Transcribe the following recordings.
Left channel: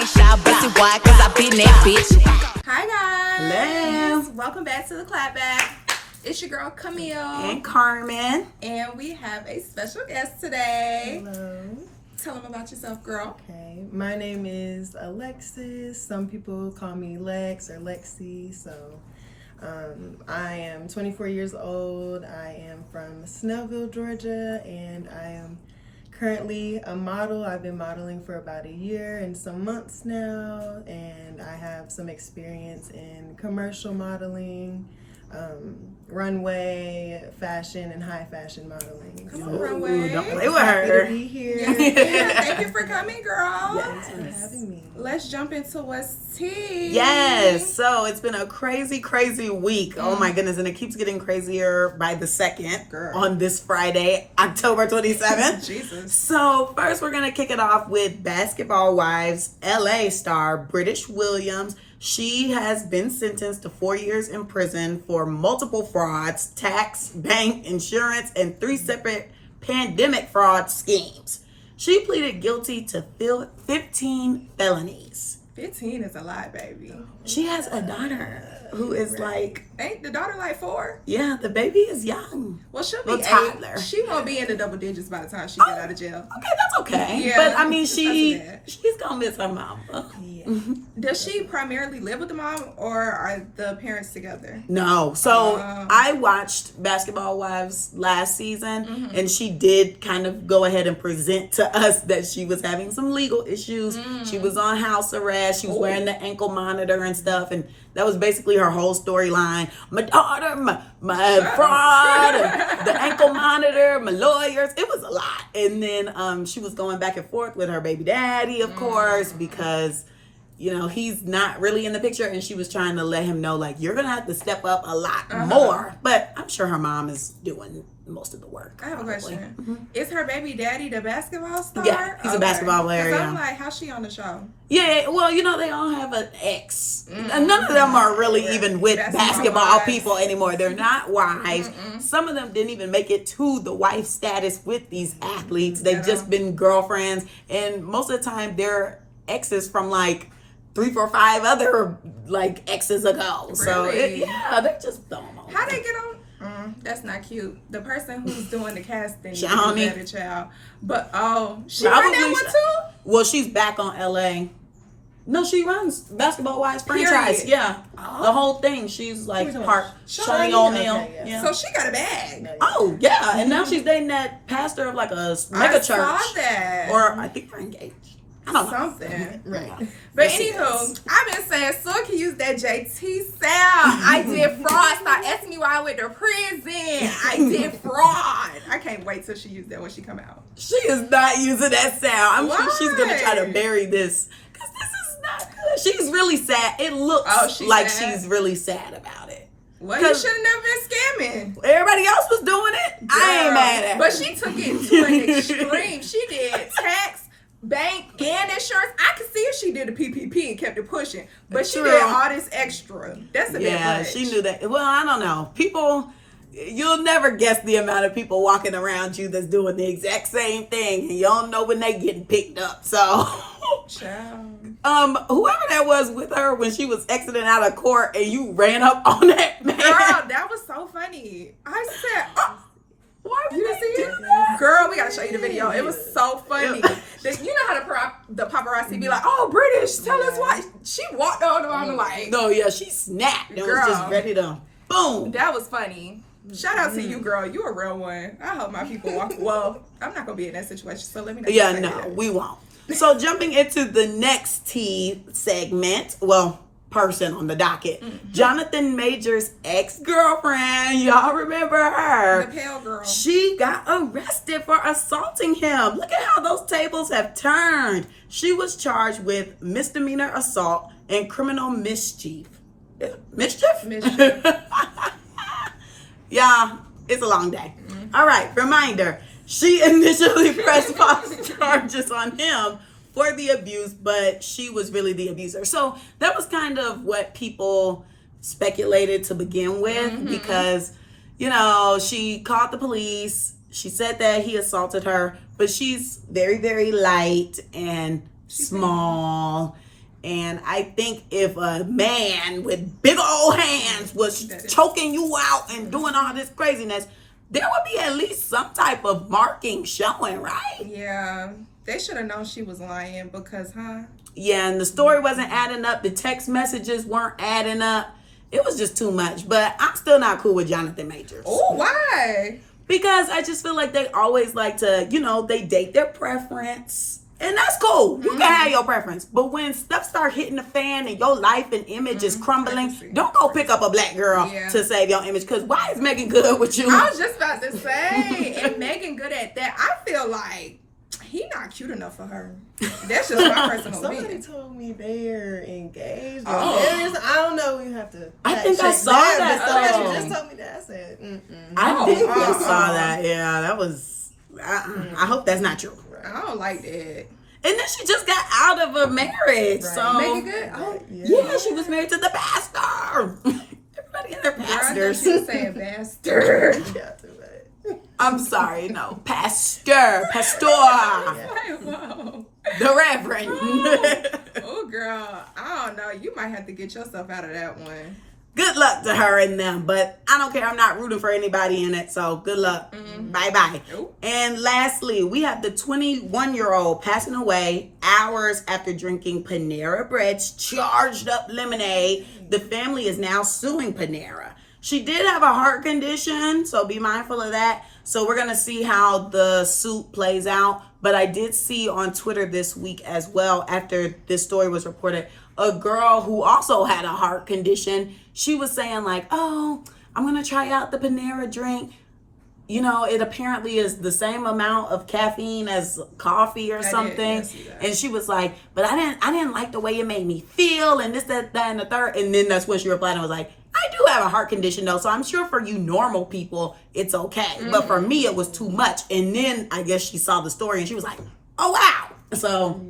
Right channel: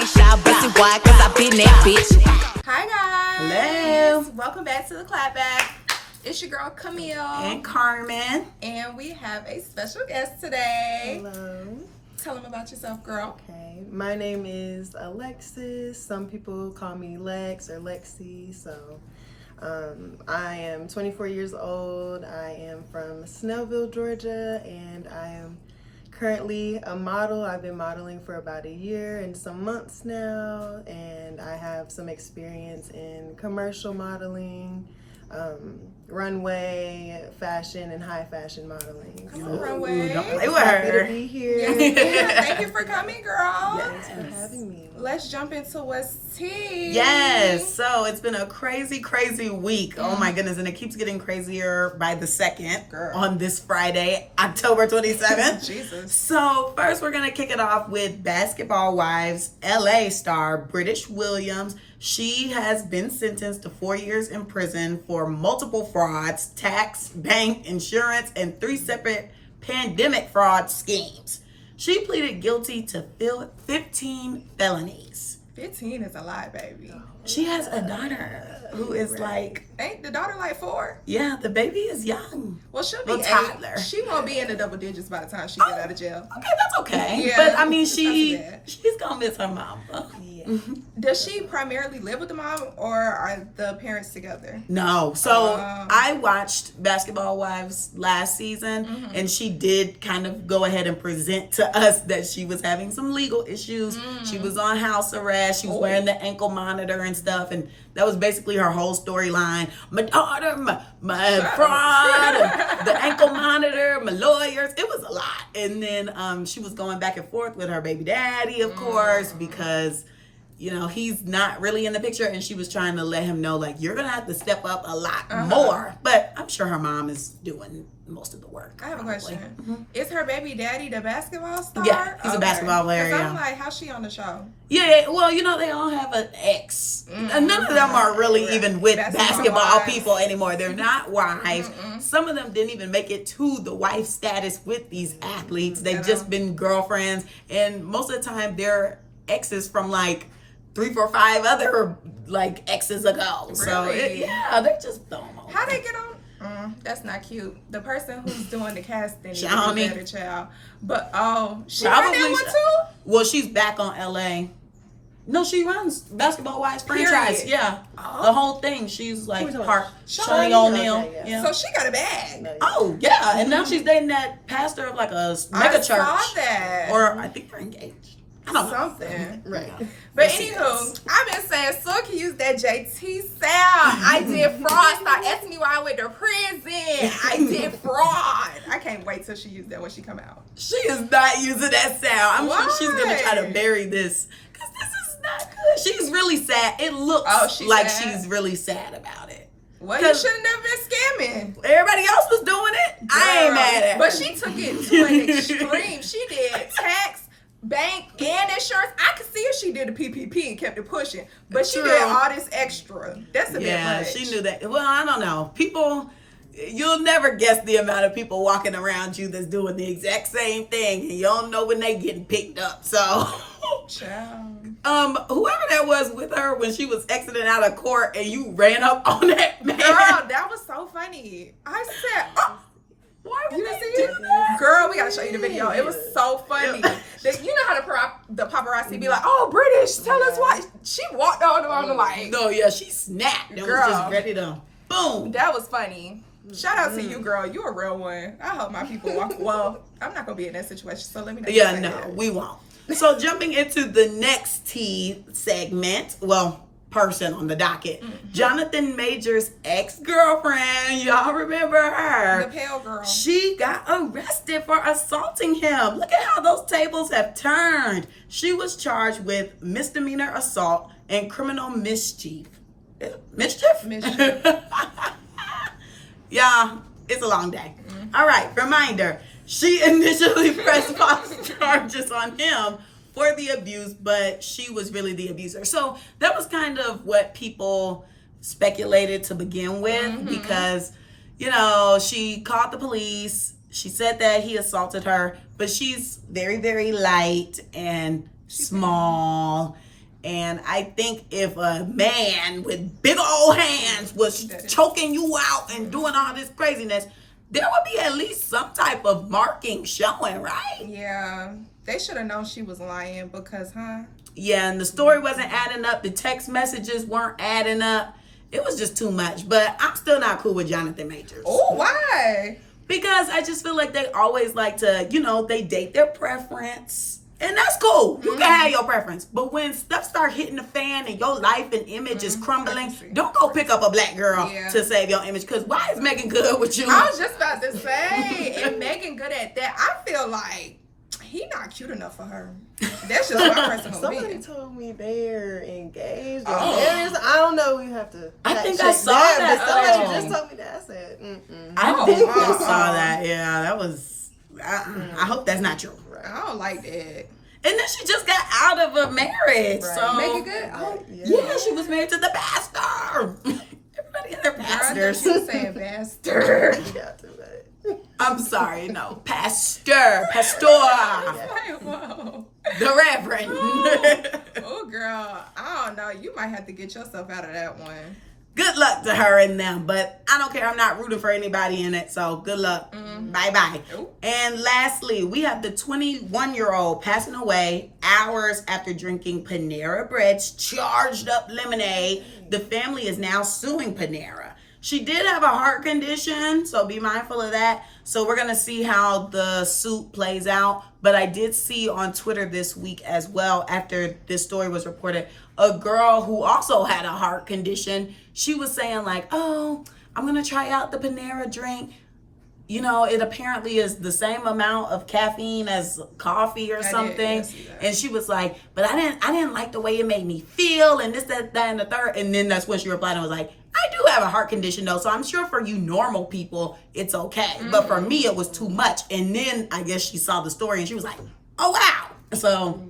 ain't shy, pussy wide, cause I been that bitch. Hi guys. Hello. Welcome back to the Clapback. It's your girl Camille. And Carmen. And we have a special guest today. Hello. Tell them about yourself, girl. Okay. My name is Alexis. Some people call me Lex or Lexi. So I am 24 years old. I am from Snellville, Georgia, and I am currently a model. I've been modeling for about a year and some months now, and I have some experience in commercial modeling, runway, fashion, and high fashion modeling. Come on, runway. Don't play with her. To be here. Yeah, thank you for coming, girl. Thanks for having me. Let's jump into what's tea. Yes, so it's been a crazy week. Oh my goodness, and it keeps getting crazier by the second. Girl. On this Friday, October 27th. Jesus. So first we're gonna kick it off with Basketball Wives LA star Brittish Williams. She has been sentenced to 4 years in prison for multiple frauds, tax, bank, insurance, and 3 separate pandemic fraud schemes. She pleaded guilty to 15 felonies. 15 is a lot, baby. She has a daughter who is like, Ain't the daughter like 4? yeah, the baby is young. Well, she'll be Well, 8. toddler. She won't be in the double digits by the time she get out of jail. Okay, that's okay. Yeah, But I mean, that's bad. she's gonna miss her mom. Yeah. Does she primarily live with the mom, or are the parents together? No. So I watched Basketball Wives last season, and she did kind of go ahead and present to us that she was having some legal issues. She was on house arrest. She was wearing the ankle monitor and stuff, and that was basically her whole storyline. My daughter, my fraud, and the ankle monitor, my lawyers. It was a lot. And then she was going back and forth with her baby daddy, of course, because you know, he's not really in the picture, and she was trying to let him know, like, you're going to have to step up a lot more. But I'm sure her mom is doing most of the work. I have a question. Is her baby daddy the basketball star? Yeah, he's a basketball player, 'Cause I'm yeah. like, how's she on the show? Yeah, well, you know, they all have an ex. And none of them are really even with basketball wives. people anymore. They're not wives. Some of them didn't even make it to the wife status with these athletes. They've just been girlfriends. And most of the time, they're exes from, like, 3, 4, 5 other like exes ago. So Really? they just don't know. How they get on? That's not cute. The person who's doing the casting needs to Shawnee. do better, child. But she run that one too? Well, she's back on LA. No, she runs Basketball Wives franchise. Period. Yeah, Oh. the whole thing. She's like Who's part Shawnee? Shawnee O'Neal. Okay, Yeah. So she got a bag. Oh yeah, and now she's dating that pastor of like a mega I church. saw that. Or I think they're engaged. I don't know. Something. Right. But anywho, I've been saying so can use that JT sound. I did fraud. Stop asking me why I went to prison. I did fraud. I can't wait till she used that when she come out. She is not using that sound. I'm sure she's gonna try to Why? bury this because this is not good. She's really sad. It looks she's like sad? she's really sad about it. Well, you should have never been scamming. Everybody else was doing it. I ain't mad at her. But she took it to an extreme. She did tax, bank, and insurance. I could see if she did the PPP and kept it pushing. But she True. did all this extra. That's a bit Yeah, much. she knew that. Well, I don't know. People, you'll never guess the amount of people walking around you that's doing the exact same thing, and you don't know when they getting picked up. So, Child. whoever that was with her when she was exiting out of court, and you ran up on that man. Girl, that was so funny. I said, Why would you they didn't see do it? that? Girl, we gotta show you the video. It was so funny. You know how the paparazzi be like, oh, British, tell us why. She walked on the like, No, yeah, she snapped and was Girl. just ready to boom. that was funny. Shout out to you, girl. You a real one. I hope my people walk. Well, I'm not gonna be in that situation, so let me know. Yeah, no, we won't. So jumping into the next tea segment, well, person on the docket, Jonathan Major's ex-girlfriend, y'all remember her? The pale girl. She got arrested for assaulting him. Look at how those tables have turned. She was charged with misdemeanor assault and criminal mischief. Mischief? Mischief. Yeah, it's a long day. All right, reminder. She initially pressed false charges on him for the abuse, but she was really the abuser. So that was kind of what people speculated to begin with because, you know, she called the police. She said that he assaulted her, but she's very, very light and small. And I think if a man with big old hands was choking you out and doing all this craziness, there would be at least some type of marking showing, right? Yeah. They should have known she was lying because, Yeah, and the story wasn't adding up. The text messages weren't adding up. It was just too much. But I'm still not cool with Jonathan Majors. Oh, why? Because I just feel like they always like to, they date their preference. And that's cool. You can have your preference. But when stuff start hitting the fan and your life and image is crumbling, don't go pick up a black girl to save your image. Because why is Megan Good with you? I was just about to say, and Megan Good at that, I feel like he not cute enough for her. That's just my personal opinion. Somebody told me they're engaged. I don't know. You have to. I think I saw that. Somebody just told me that. I said, I think I saw that. Yeah, that was. I hope that's not true. I don't like that. And then she just got out of a marriage. Right. So Megan Good? Oh, yeah, she was married to the pastor. Everybody in their pastors. Girl, I thought you were saying bastard. I'm sorry, no. Pastor. Whoa. The Reverend. Oh, girl. I don't know. You might have to get yourself out of that one. Good luck to her and them, but I don't care. I'm not rooting for anybody in it, so good luck. Bye-bye. Ooh. And lastly, we have the 21-year-old passing away hours after drinking Panera Bread's charged up lemonade. The family is now suing Panera. She did have a heart condition, so be mindful of that. So we're going to see how the suit plays out. But I did see on Twitter this week as well, after this story was reported, a girl who also had a heart condition. She was saying like, oh, I'm going to try out the Panera drink. It apparently is the same amount of caffeine as coffee or something. And she was like, but I didn't like the way it made me feel and this, that, and the third. And then that's when she replied and was like, I do have a heart condition though, so I'm sure for you normal people, it's okay. But for me, it was too much. And then I guess she saw the story and she was like, oh, wow. So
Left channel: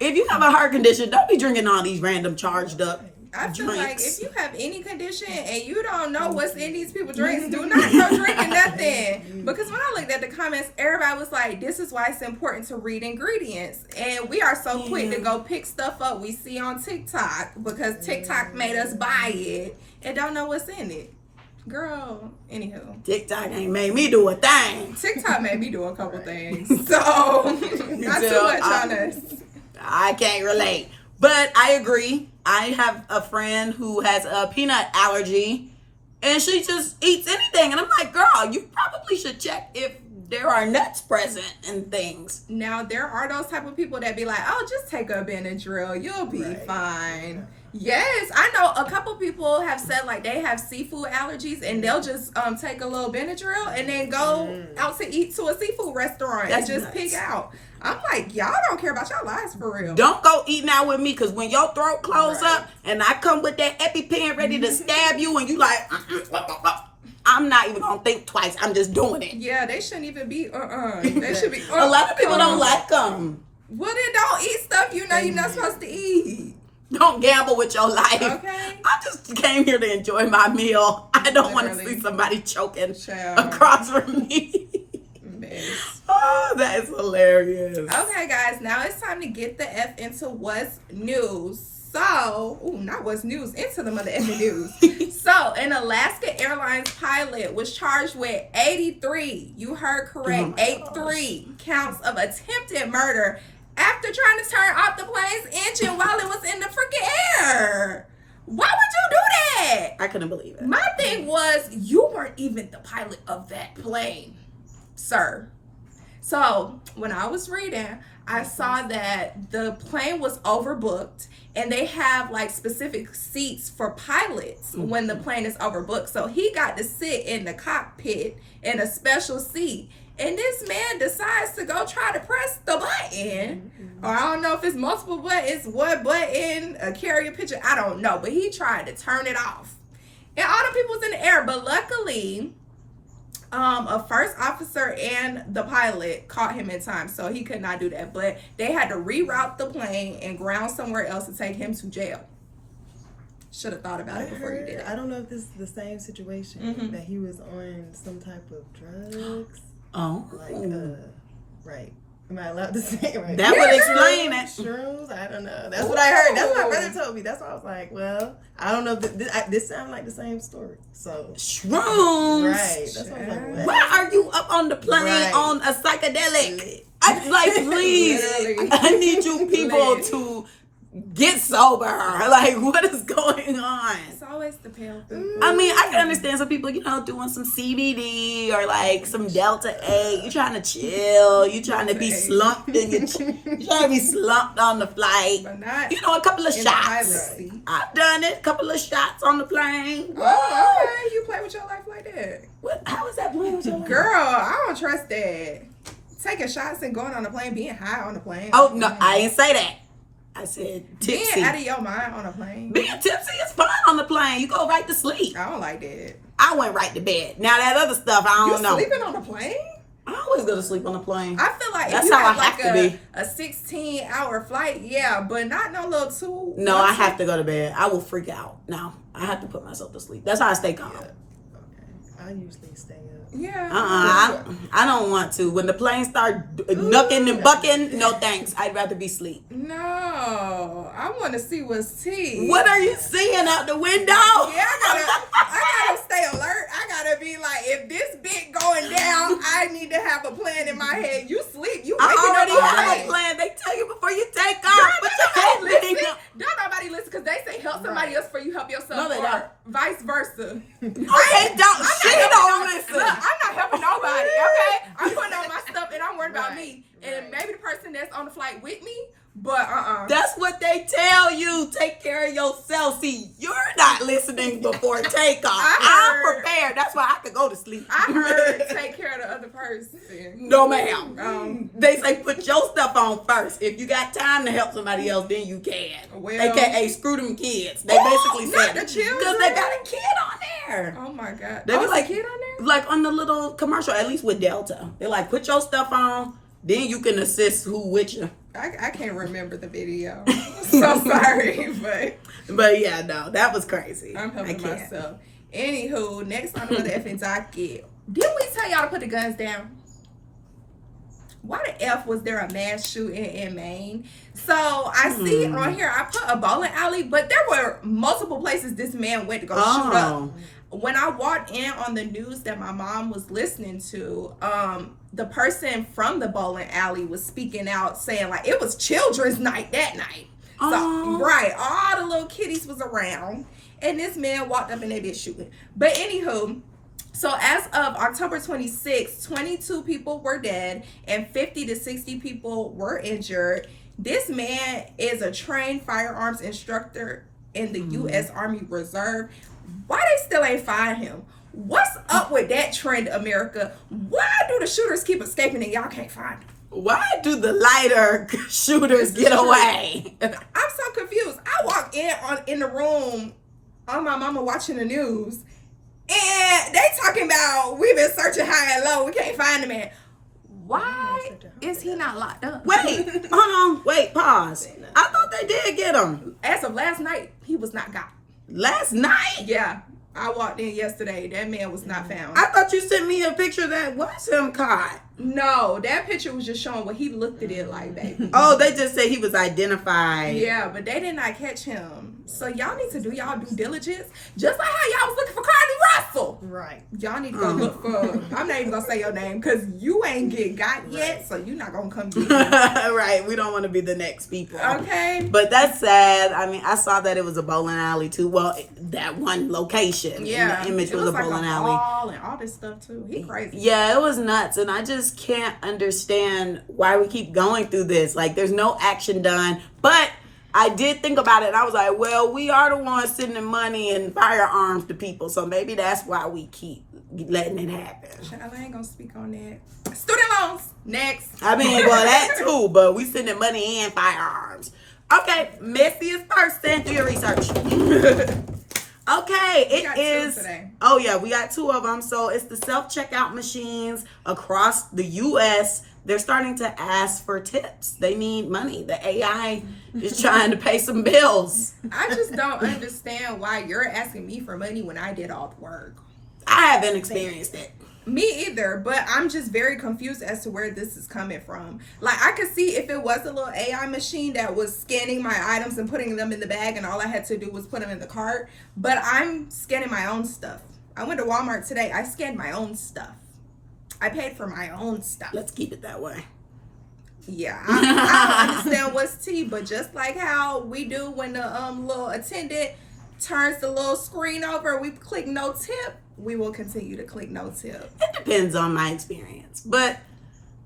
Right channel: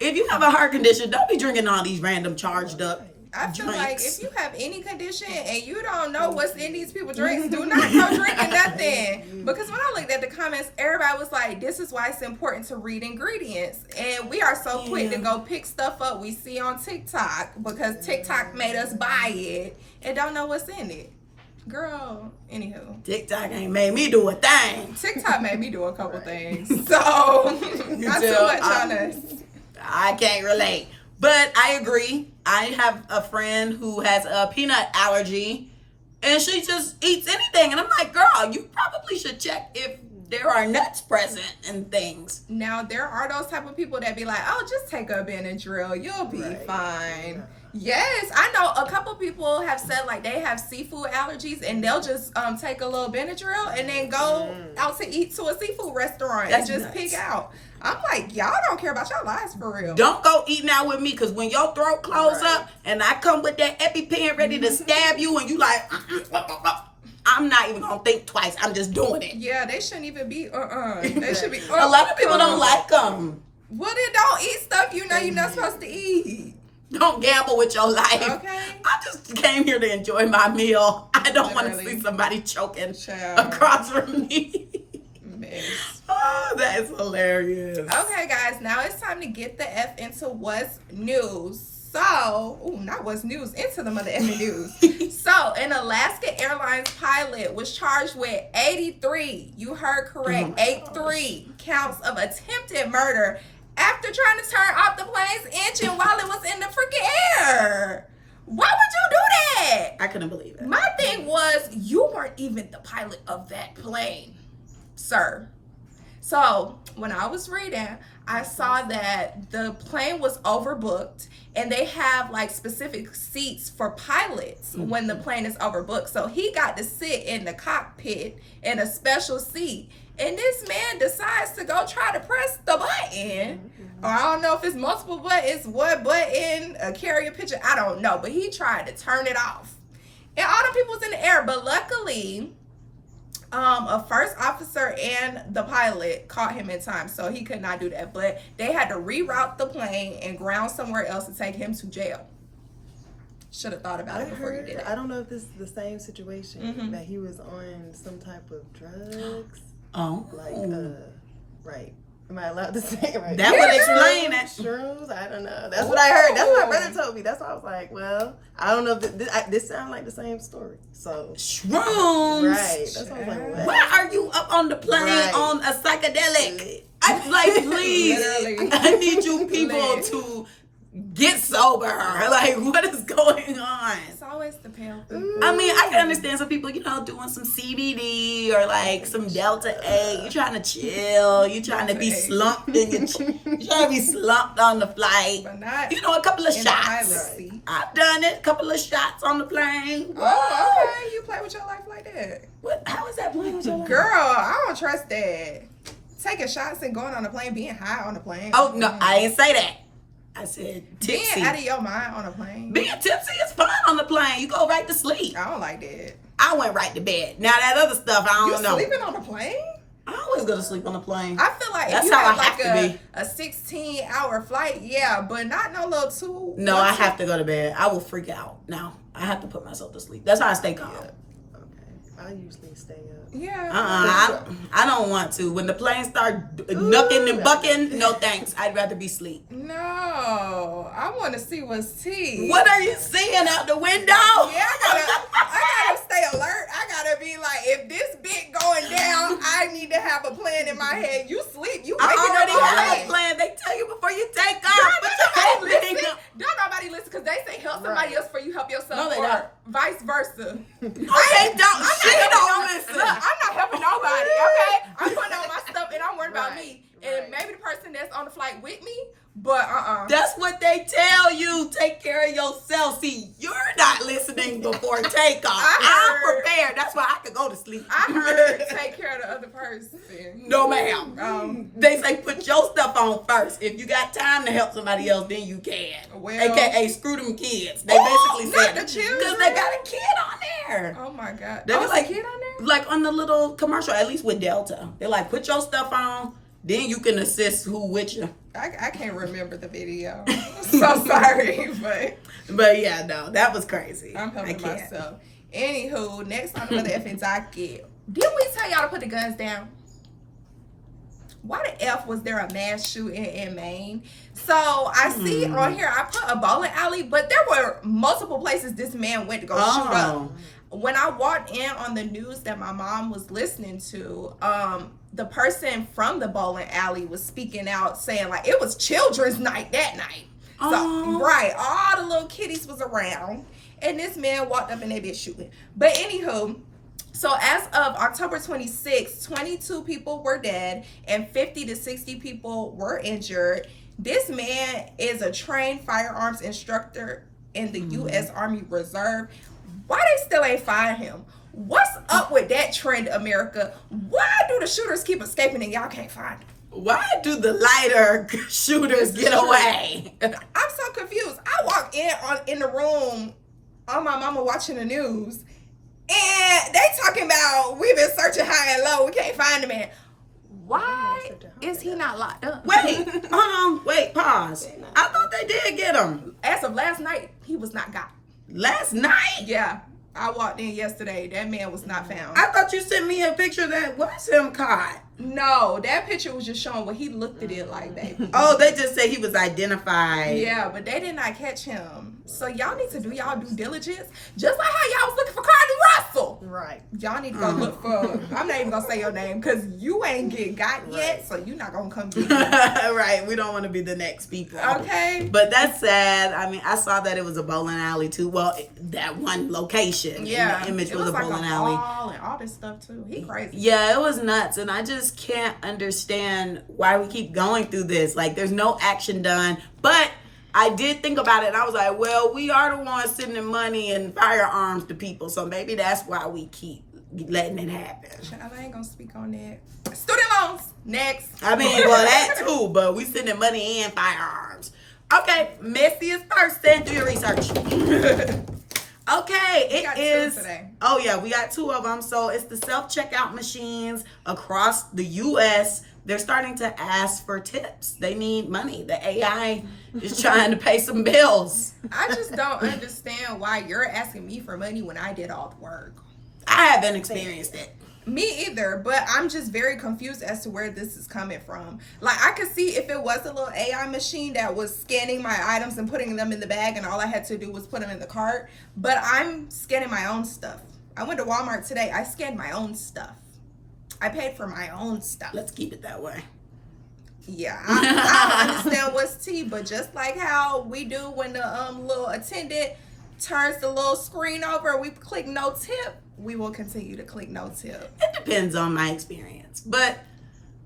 if you have a heart condition, don't be drinking all these random charged up I feel drinks. like if you have any condition and you don't know what's in these people's drinks, do not go drinking nothing. Because when I looked at the comments, everybody was like, this is why it's important to read ingredients. And we are so quick to go pick stuff up we see on TikTok because TikTok made us buy it and don't know what's in it. Girl, anywho. TikTok ain't made me do a thing. TikTok made me do a couple things. So, not too much on us. I can't relate. But I agree. I have a friend who has a peanut allergy and she just eats anything. And I'm like, girl, you probably should check if there are nuts present and things. Now, there are those type of people that be like, oh, just take a Benadryl. You'll be fine. Yes, I know a couple people have said like they have seafood allergies and they'll just take a little Benadryl and then go out to eat to a seafood restaurant and just pig out. I'm like, y'all don't care about your lives for real. Don't go eating out with me because when your throat close up and I come with that EpiPen ready to stab you and you like, I'm not even going to think twice. I'm just doing it. Yeah, they shouldn't even be, They should be, A lot of people don't like them. Well, then don't eat stuff you know you're not supposed to eat. Don't gamble with your life. Okay. I just came here to enjoy my meal. I don't want to see somebody choking across from me. Oh, that is hilarious. Okay, guys, now it's time to get the F into what's news. So, not what's news, into the mother effing news. So, an Alaska Airlines pilot was charged with 83, you heard correct, 83 counts of attempted murder after trying to turn off the plane's engine while it was in the freaking air. Why would you do that? I couldn't believe it. My thing was, you weren't even the pilot of that plane, sir. So when I was reading, I saw that the plane was overbooked and they have like specific seats for pilots when the plane is overbooked. So he got to sit in the cockpit in a special seat. And this man decides to go try to press the button. Or I don't know if it's multiple buttons, what button, a carrier picture, I don't know. But he tried to turn it off. And all the people was in the air. But luckily, a first officer and the pilot caught him in time, so he could not do that. But they had to reroute the plane and ground somewhere else to take him to jail. Should have thought about it before you did it. I don't know if this is the same situation, that he was on some type of drugs. Oh. Like, right. Am I allowed to say it right? That would explain it. Shrooms? I don't know. That's what I heard. That's what my brother told me. That's why I was like, well, I don't know. This sounds like the same story. So Shrooms. Right. That's what I was like, what? Why are you up on the plane on a psychedelic? I like, please. I need you people to get sober. Like, what is going on? It's always the pale people. I mean, I can understand some people, doing some CBD or like some Delta 8. You trying to chill. You trying to be slumped you trying to be slumped on the flight. But not a couple of in shots. the pilot seat. I've done it. A couple of shots on the plane. Oh, okay. You play with your life like that. What? How is that playing with your life? Girl, I don't trust that. Taking shots and going on the plane, being high on the plane. Oh, no, I ain't say that. I said tipsy. Being out of your mind on a plane. Being tipsy is fun on the plane. You go right to sleep. I don't like that. I went right to bed. Now that other stuff, I don't know. You sleeping on the plane? I always go to sleep on the plane. I feel like That's if you how have I have like to be. a 16-hour flight, yeah, but not no little two. No, I have to go to bed. I will freak out. No, I have to put myself to sleep. That's how I stay calm. Okay. I usually stay up. Yeah. I don't want to. When the plane start knucking and bucking, no thanks. I'd rather be asleep. No, I want to see what's tea. What are you seeing out the window? Yeah, I gotta stay alert. I gotta be like, if this bit going down, I need to have a plan in my head. You sleep, you waking I up already have already. a plan. They tell you before you take off. But you ain't living up. Don't nobody listen because they say help somebody else before you help yourself, No, they or don't. vice versa. Okay, she don't listen. Look, I'm not helping nobody, okay? I'm putting on my stuff and I'm worried about me. And maybe the person that's on the flight with me, but That's what they tell you. Take care of yourself. See, you're not listening before takeoff. I'm prepared. That's why I could go to sleep. I heard take care of the other person. No, ma'am. They say put your stuff on first. If you got time to help somebody else, then you can. Well, AKA screw them kids. They basically not said the children. because they got a kid on there. Oh my God. They were like, a kid on there? Like on the little commercial, at least with Delta. They're like, put your stuff on, then you can assist who with you. I can't remember the video. So sorry, But yeah, no, that was crazy. I'm helping myself. Anywho, next on the FN's docket. Didn't we tell y'all to put the guns down? Why the F was there a mass shooting in Maine? So I see on here, I put a bowling alley, but there were multiple places this man went to go shoot up. When I walked in on the news that my mom was listening to, the person from the bowling alley was speaking out saying like it was children's night that night. So, right, all the little kiddies was around and this man walked up and they did shooting. But anywho, so as of October 26th, 22 people were dead and 50 to 60 people were injured. This man is a trained firearms instructor in the U.S. Army Reserve. Why they still ain't find him? What's up with that trend, America? Why do the shooters keep escaping and y'all can't find them? Why do the lighter shooters get away? I'm so confused. I walk in the room on my mama watching the news and they talking about we've been searching high and low. We can't find the man. Why is he not locked up? Wait, hold on. Wait, pause. I thought they did get him. As of last night, he was not got. Last night? Yeah. I walked in yesterday. That man was not found. I thought you sent me a picture that was him caught. No, that picture was just showing what he looked at it like, baby. Oh, they just said he was identified. Yeah, but they did not catch him. So y'all need to do y'all due diligence. Just like how y'all was looking for Cardi Russell. Right. Y'all need to go look for, I'm not even going to say your name because you ain't get got yet. So you're not going to come get me. Right. We don't want to be the next people. Okay. But that's sad. I mean, I saw that it was a bowling alley too. Well, that one location. Yeah. And the image it was a like bowling a alley. mall and all this stuff too. He crazy. Yeah, it was nuts. And I just can't understand why we keep going through this. Like, there's no action done. But I did think about it. And I was like, well, we are the ones sending money and firearms to people. So maybe that's why we keep letting it happen. I ain't going to speak on that. Student loans. Next. I mean, well, that too. But we sending money and firearms. Okay. Messiest Person. Do your research. Okay, it is. Oh yeah, we got two of them. So it's the self-checkout machines across the U.S. They're starting to ask for tips. They need money. The AI is trying to pay some bills. I just don't understand why you're asking me for money when I did all the work. I haven't experienced it. Me either, but I'm just very confused as to where this is coming from. Like, I could see if it was a little AI machine that was scanning my items and putting them in the bag, and all I had to do was put them in the cart. But I'm scanning my own stuff. I went to Walmart today. I scanned my own stuff. I paid for my own stuff. Let's keep it that way. Yeah, I don't understand what's tea, but just like how we do when the little attendant turns the little screen over, we click no tip. We will continue to click no tip. It depends on my experience. But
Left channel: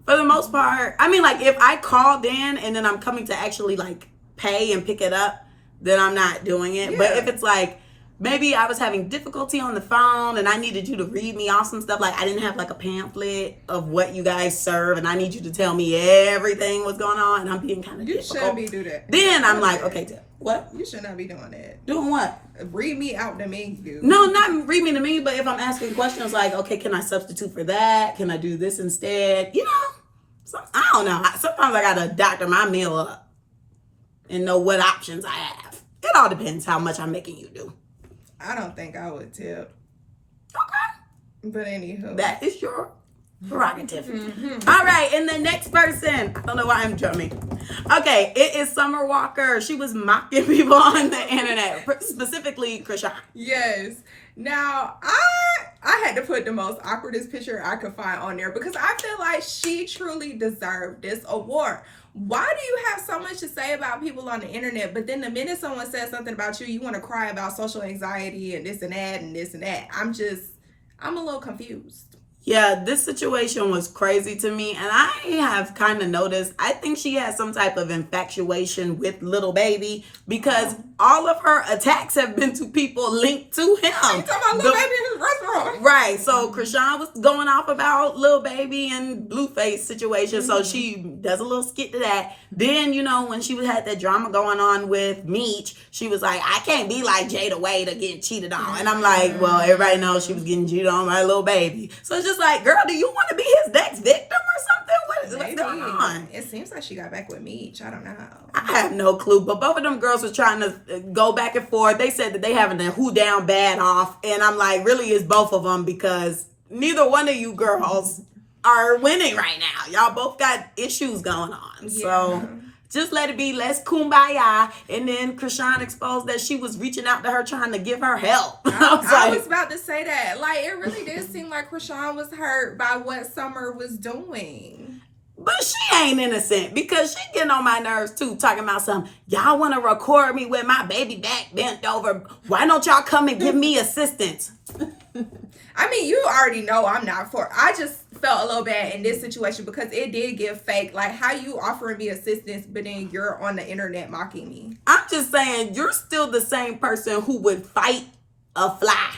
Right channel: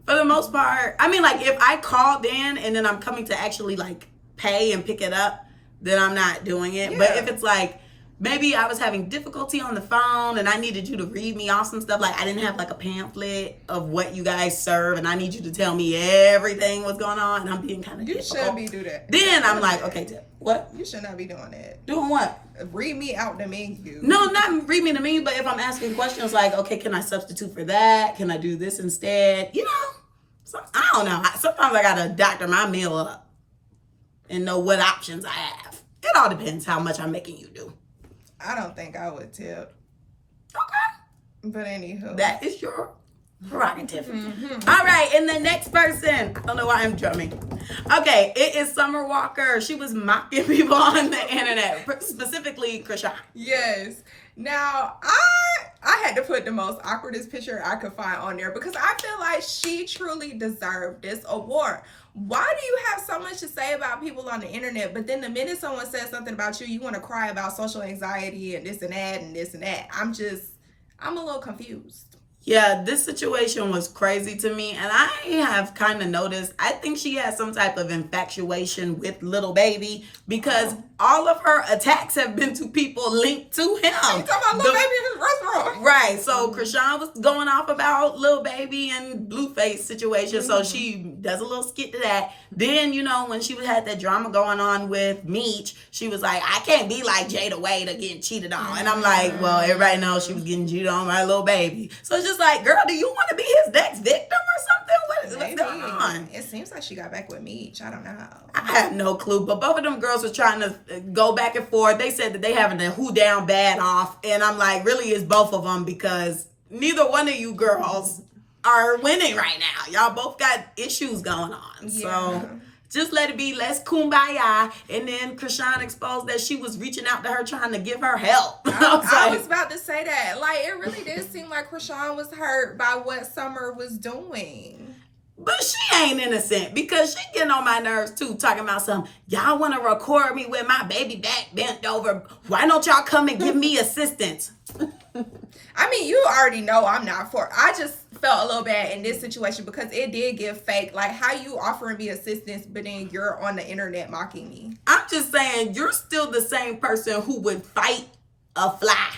for the most part, I mean, like, if I called in and then I'm coming to actually, like, pay and pick it up, then I'm not doing it. Yeah. But if it's like, maybe I was having difficulty on the phone and I needed you to read me off some stuff, like I didn't have like a pamphlet of what you guys serve and I need you to tell me everything what's going on, and I'm being kind of difficult. You shouldn't be doing that. Then I'm like, okay, what? You should not be doing that. Doing what? Read me out the menu. No, not read me the menu, but if I'm asking questions like, okay, can I substitute for that? Can I do this instead? You know, so, I don't know. Sometimes I gotta doctor my meal up and know what options I have. It all depends how much I'm making you do. I don't think I would tip. Okay. But anywho. That is your prerogative. All right, and the next person. I don't know why I'm drumming. Okay, it is Summer Walker. She was mocking people on the internet, specifically Chrisean. Yes. Now, I had to put the most awkwardest picture I could find on there because I feel like she truly deserved this award. Why do you have so much to say about people on the internet, but then the minute someone says something about you, you want to cry about social anxiety and this and that and this and that? I'm a little confused. Yeah, this situation was crazy to me, and I have kind of noticed, I think she has some type of infatuation with Lil Baby because all of her attacks have been to people linked to him. You talking about Lil Baby in his restaurant? Right, so Chrisean was going off about Lil Baby and Blueface situation, so she does a little skit to that. Then, you know, when she had that drama going on with Meech, she was like, I can't be like Jada Wade or getting cheated on. And I'm like, well, everybody knows she was getting cheated on by Lil Baby. So it's just like, girl, do you want to be his next victim or something? What's going on? It seems like she got back with Meech. I don't know. I have no clue, but both of them girls were trying to go back and forth. They said that they having a who down bad off, and I'm like, really, it's both of them because neither one of you girls are winning right now. Y'all both got issues going on. Yeah. So just let it be. Let's kumbaya. And then Chrisean exposed that she was reaching out to her trying to give her help. I was about to say that. Like, it really did seem like Chrisean was hurt by what Summer was doing. But she ain't innocent because she getting on my nerves too, talking about something. Y'all want to record me with my baby back bent over. Why don't y'all come and give me assistance? I mean, you already know I'm not for. I just felt a little bad in this situation because it did give fake. Like, how you offering me assistance, but then you're on the internet mocking me. I'm just saying, you're still the same person who would fight a fly.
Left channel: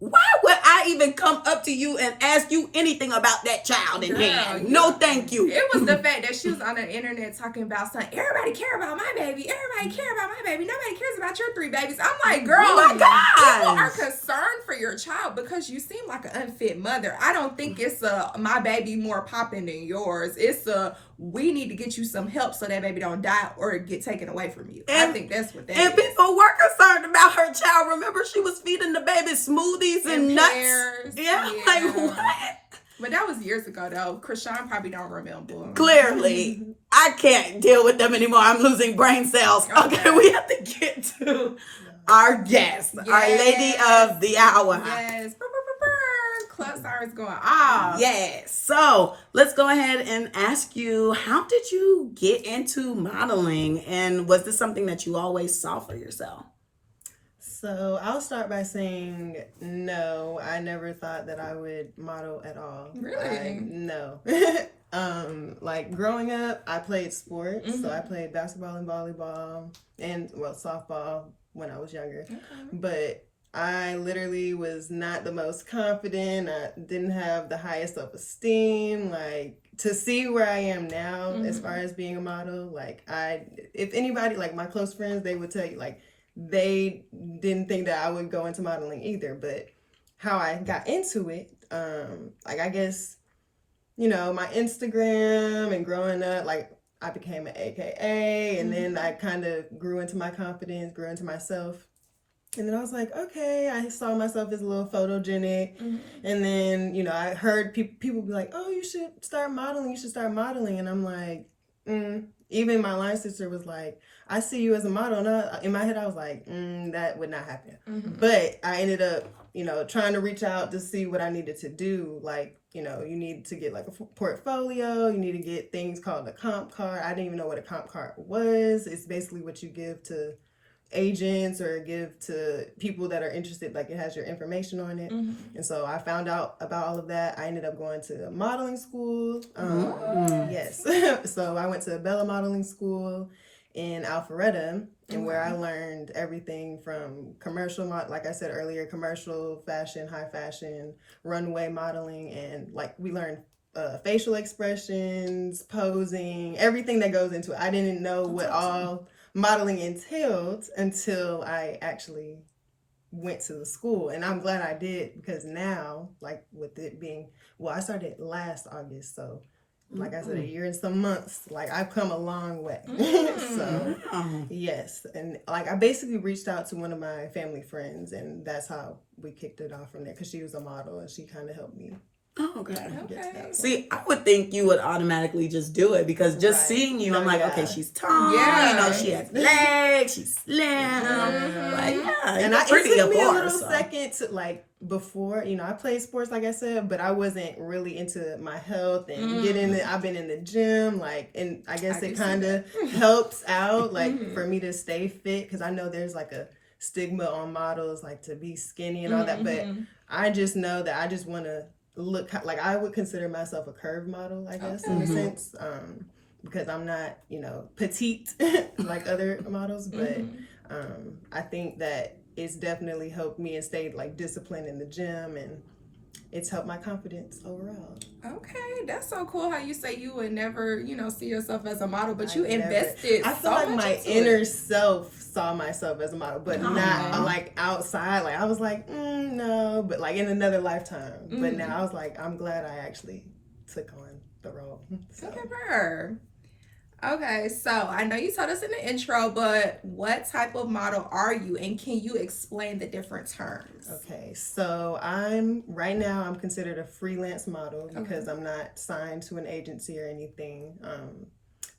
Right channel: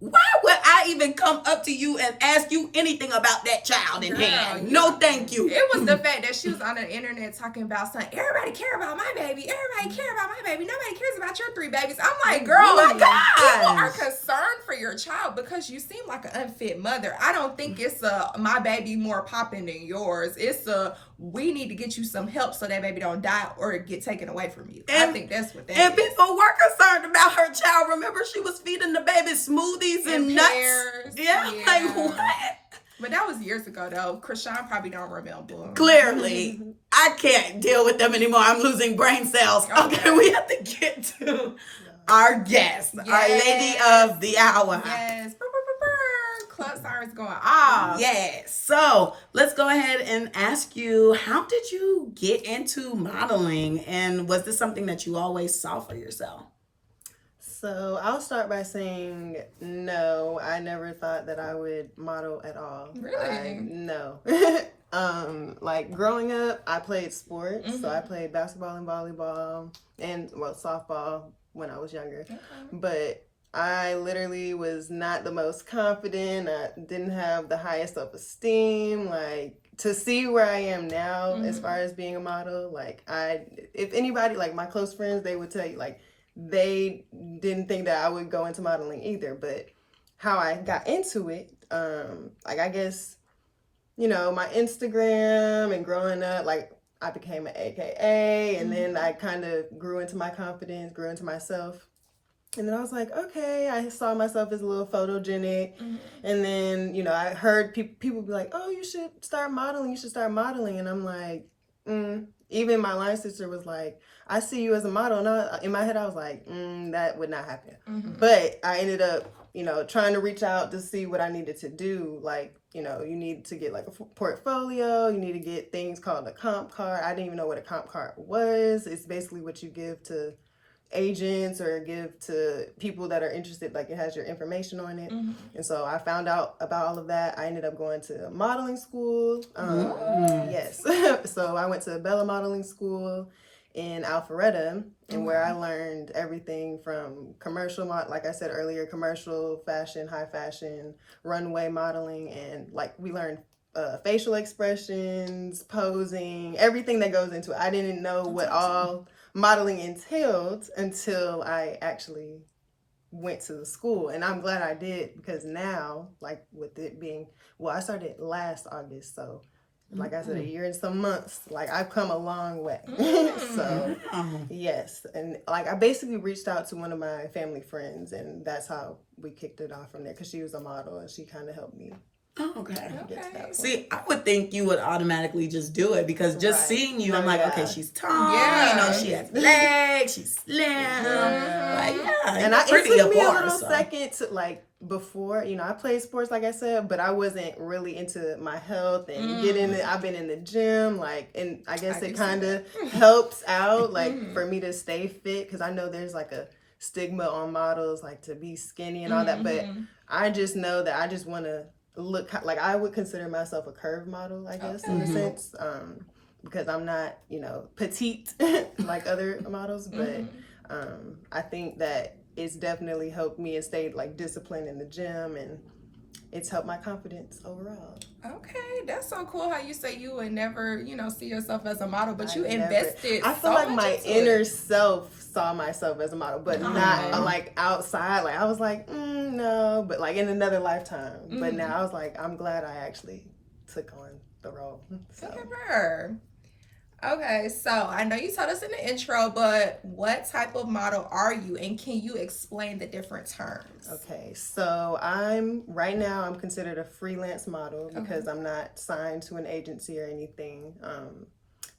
Why would I even come up to you and ask you anything about that child in hand? No, thank you. It was the fact that she was on the internet talking about something. Everybody care about my baby. Everybody care about my baby. Nobody cares about your 3 babies. I'm like, girl, oh my gosh. People are concerned for your child because you seem like an unfit mother. I don't think it's my baby more popping than yours. It's we need to get you some help so that baby don't die or get taken away from you. I think that's what that is. And people were concerned about her child. Remember, she was feeding the baby smoothies and nuts. Pears. Yeah, like what? But that was years ago, though. Chrisean probably don't remember. Clearly. I can't deal with them anymore. I'm losing brain cells. Okay, we have to get to our guest, our lady of the hour. Yes. Club sirens going off. Yes. So let's go ahead and ask you, how did you get into modeling? And was this something that you always saw for yourself? So I'll start by saying no. I never thought that I would model at all. Really? No. Like growing up, I played sports. So I played basketball and volleyball and softball when I was younger. Okay. But I literally was not the most confident. I didn't have the highest self-esteem. Like, to see where I am now as far as being a model, like, if anybody, like my close friends, they would tell you, like, they didn't think that I would go into modeling either. But how I got into it, like, I guess, you know, my Instagram and growing up, like, I became an AKA, and then I kind of grew into my confidence, grew into myself. And then I was like, okay, I saw myself as a little photogenic. Mm-hmm. And then, you know, I heard people be like, oh, you should start modeling. And I'm like, Even my line sister was like, I see you as a model. And in my head, I was like, that would not happen. Mm-hmm. But I ended up, you know, trying to reach out to see what I needed to do. Like, you know, you need to get like a portfolio. You need to get things called a comp card. I didn't even know what a comp card was. It's basically what you give to agents or give to people that are interested, like it has your information on it. Mm-hmm. And so I found out about all of that. I ended up going to modeling school. Yes. So I went to Bella Modeling School in Alpharetta, and where I learned everything from commercial, like I said earlier, commercial, fashion, high fashion, runway modeling, and like we learned facial expressions, posing, everything that goes into it. I didn't know what all modeling entailed until I actually went to the school. And I'm glad I did, because now, like with it being, I started last August, so like I said, a year and some months, like I've come a long way. So yes. And like I basically reached out to one of my family friends, and that's how we kicked it off from there, because she was a model and she kind of helped me. Okay. See, I would think you would automatically just do it, because just seeing you, I'm like, okay, she's tall, you know, she has legs, she's slim, like, and it took me a little second to, like, before, you know, I played sports, like I said, but I wasn't really into my health and I've been in the gym, like, and I guess it kind of helps out, like, for me to stay fit, because I know there's, like, a stigma on models, like, to be skinny and all that, but I just know that I just want to look like, I would consider myself a curve model, I guess, in a sense, because I'm not, you know, petite like other models, but I think that it's definitely helped me and stayed like disciplined in the gym, and it's helped my confidence overall. Okay, that's so cool how you say you would never, you know, see yourself as a model, but you invested. I feel like my inner self saw myself as a model, but not like outside. Like I was like, no, but like in another lifetime. But now I was like, I'm glad I actually took on the role. So. Look at her. Okay, so I know you told us in the intro, but what type of model are you, and can you explain the different terms? Okay, so I'm considered a freelance model because I'm not signed to an agency or anything.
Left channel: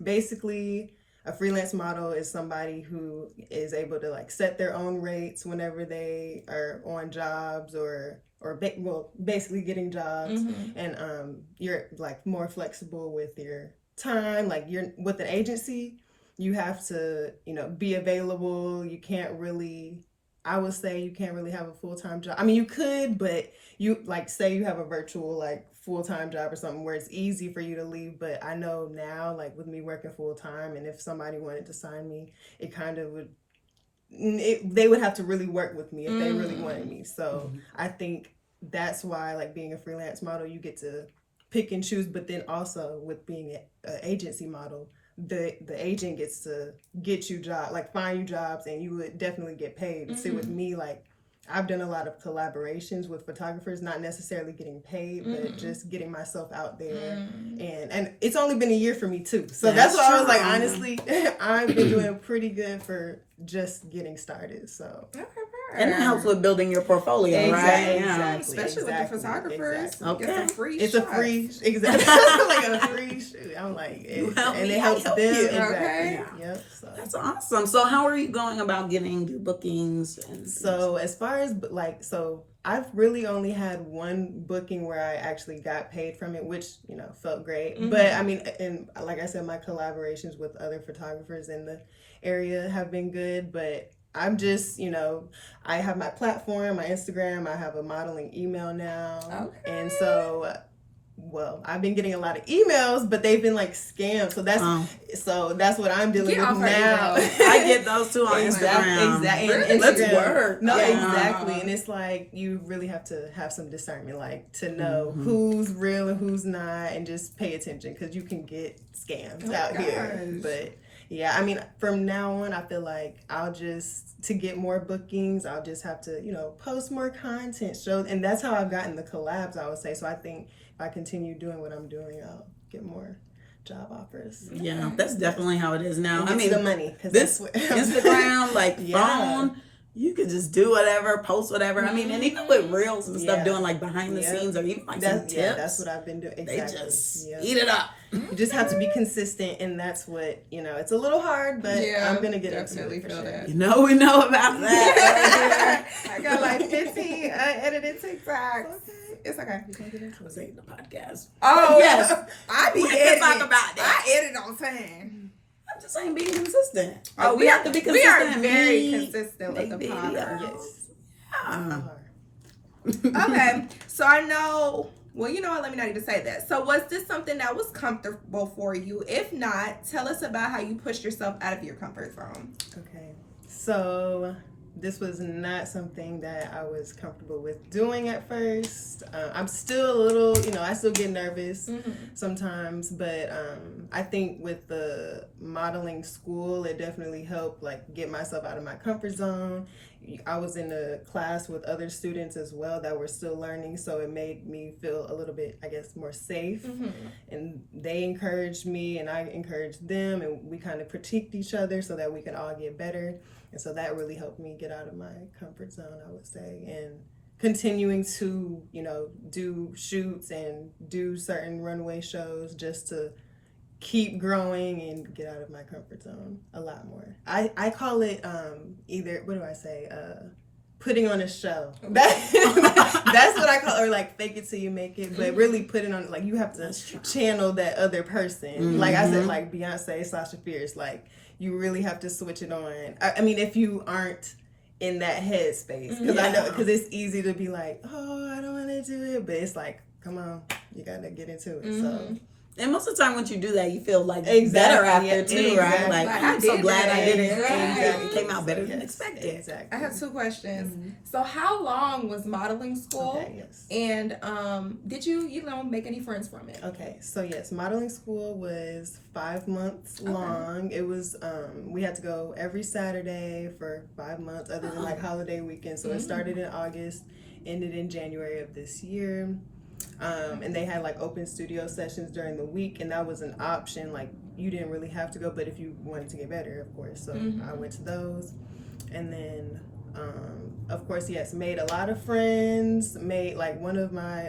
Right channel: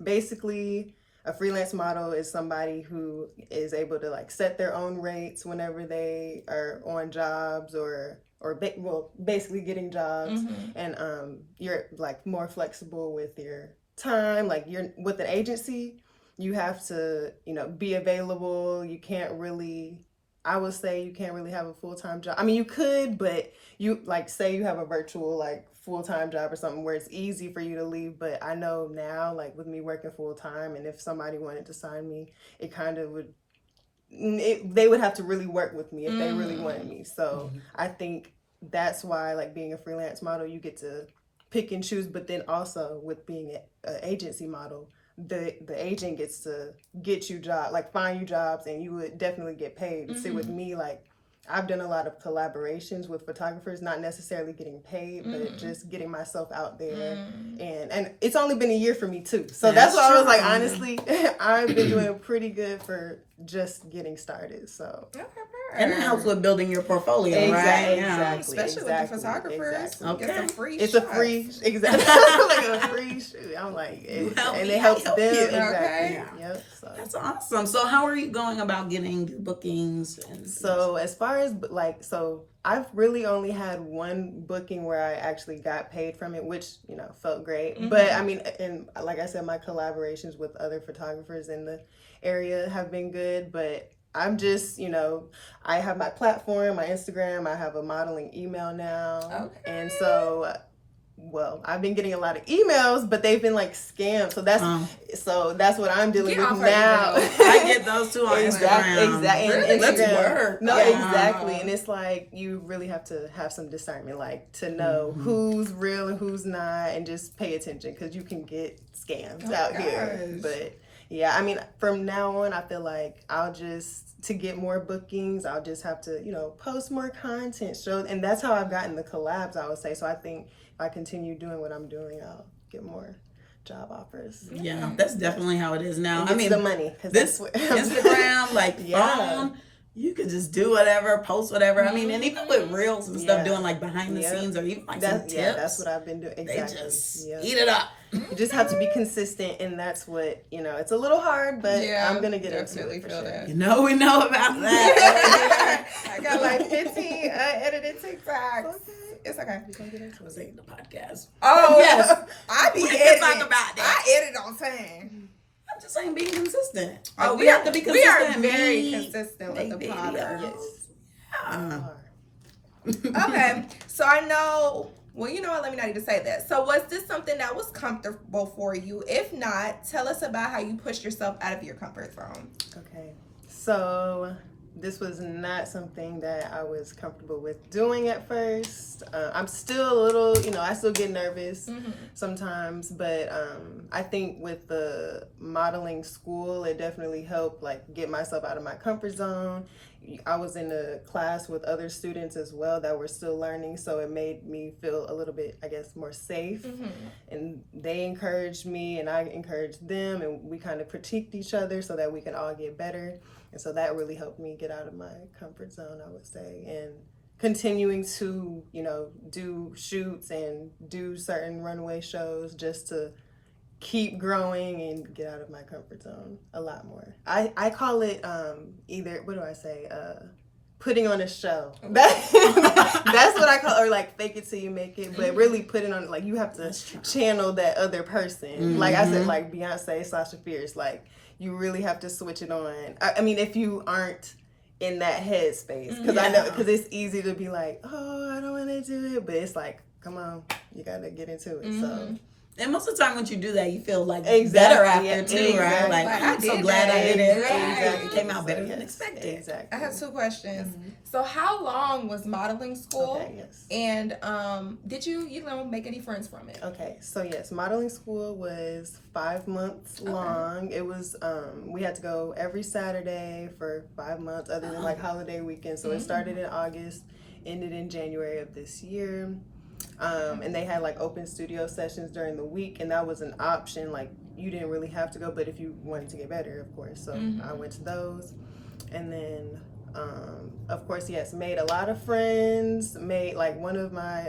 Basically, a freelance model is somebody who is able to like set their own rates whenever they are on jobs or basically getting jobs, and you're like more flexible with your time. Like you're with the agency, you have to, you know, be available. You can't really, I would say you can't really have a full-time job. I mean, you could, but you like say you have a virtual like full-time job or something where it's easy for you to leave. But I know now, like with me working full-time, and if somebody wanted to sign me, it kind of would, they would have to really work with me if they really wanted me. So I think that's why, like being a freelance model, you get to pick and choose, but then also with being an agency model, the agent gets to get you jobs, like find you jobs, and you would definitely get paid. But see, with me, like I've done a lot of collaborations with photographers, not necessarily getting paid, but just getting myself out there. And it's only been a year for me too. So that's why I was like, honestly, I've been doing pretty good for just getting started. So and it helps with building your portfolio, right? Yeah, especially with the photographers. Okay, get some free it's shots. a free, like a free shoot. I'm like, and it helps them. Okay. Yep. So. That's awesome. So how are you going about getting your bookings? So as far as I've really only had one booking where I actually got paid from it, which, you know, felt great. But I mean, and like I said, my collaborations with other photographers in the area have been good, but I'm just, you know, I have my platform, my Instagram, I have a modeling email now. Okay. And so, I've been getting a lot of emails, but they've been like scammed. So that's what I'm dealing with now. I get those too on Instagram. Exactly. Really? Let's work. No, exactly. And it's like, you really have to have some discernment, like to know who's real and who's not, and just pay attention, because you can get scammed out here. But yeah, I mean, from now on, I feel like to get more bookings, I'll just have to, you know, post more content, and that's how I've gotten the collabs, I would say. So I think if I continue doing what I'm doing, I'll get more job offers. Yeah, that's definitely how it is now. I mean, the money. This Instagram, like phone, you could just do whatever, post whatever. I mean, and even with reels and stuff, doing like behind the scenes or even like some tips. Yeah, that's what I've been doing. Exactly. They just eat it up. You just have to be consistent, and that's what, it's a little hard, but I'm going to get definitely into it. Feel that. We know about that. I got like 15 unedited TikToks. Okay. It's okay. I was saying the podcast. Oh, yes. I be editing. Talk about that. I edit on time. I'm just saying being consistent. Oh, we have to be consistent. We are very consistent with the podcast. Okay. So I know, well, you know what? Let me not even say that. So was this something that was comfortable for you? If not, tell us about how you pushed yourself out of your comfort zone. Okay. So this was not something that I was comfortable with doing at first. I'm still a little, I still get nervous sometimes, but I think with the modeling school, it definitely helped like get myself out of my comfort zone. I was in a class with other students as well that were still learning, so it made me feel a little bit, I guess, more safe. And they encouraged me and I encouraged them, and we kind of critiqued each other so that we could all get better. And so that really helped me get out of my comfort zone, I would say. And continuing to, do shoots and do certain runway shows just to keep growing and get out of my comfort zone a lot more. I call it either, what do I say? Putting on a show. That's what I call, or like fake it till you make it, but really putting on, like you have to channel that other person. Like I said, like Beyonce, Sasha Fierce, like you really have to switch it on. I mean, if you aren't in that headspace, because I know, because it's easy to be like, oh, I don't want to do it, but it's like, come on, you got to get into it. So. And most of the time, once you do that, you feel like better after too, right? Like I'm so glad I did it. It came out better than expected. Exactly. I have 2 questions. So, how long was modeling school? Okay, yes. And did you make any friends from it? Okay, so yes, modeling school was 5 months long. It was we had to go every Saturday for 5 months, other than like holiday weekends. So it started in August, ended in January of this year. And they had like open studio sessions during the week, and that was an option. Like you didn't really have to go, but if you wanted to get better, of course. So I went to those, and then of course, yes, made a lot of friends. Made like one of my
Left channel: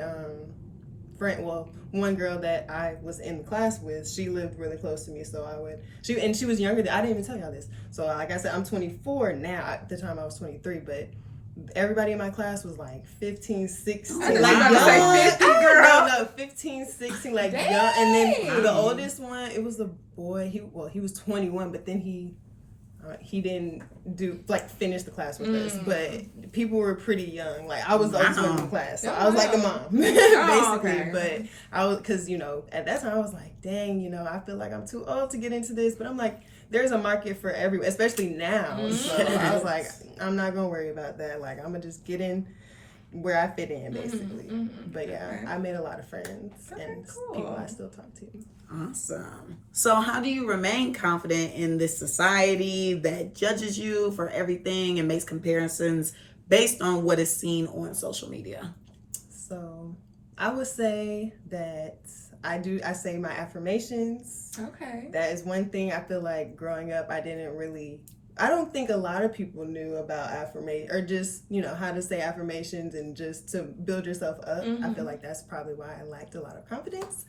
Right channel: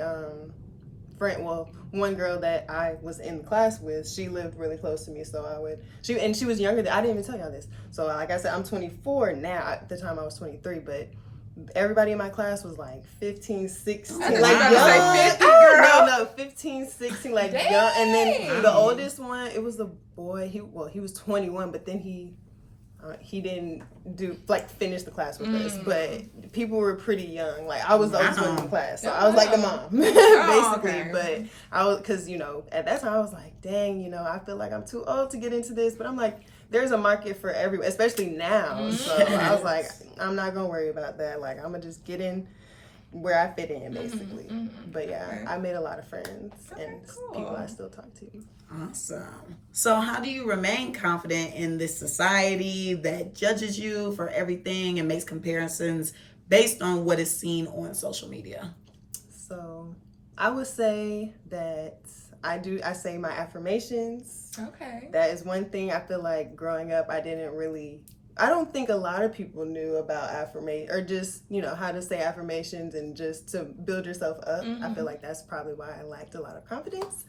one girl that I was in class with, she lived really close to me, so she was younger I didn't even tell y'all this. So like I said, I'm 24 now. At the time I was 23, but everybody in my class was like 15, 16. I was about to say 50, girl. No, 15, 16, like young. And then the oldest one, it was a boy. He was 21, but then he didn't finish the class with us. But people were pretty young. Like I was the oldest one in the class, so I was like the mom, basically. But I was, because at that time I was like, dang, I feel like I'm too old to get into this. But I'm like, there's a market for everyone, especially now. So I was like, I'm not gonna worry about that. Like I'm gonna just get in where I fit in, basically. But yeah, I made a lot of friends and people I still talk to. Awesome. So how do you remain confident in this society that judges you for everything and makes comparisons based on what is seen on social media? So I would say that I say my affirmations. Okay. That is one thing I feel like growing up, I don't think a lot of people knew about affirmation, or just, how to say affirmations and just to build yourself up. I feel like that's probably why I lacked a lot of confidence.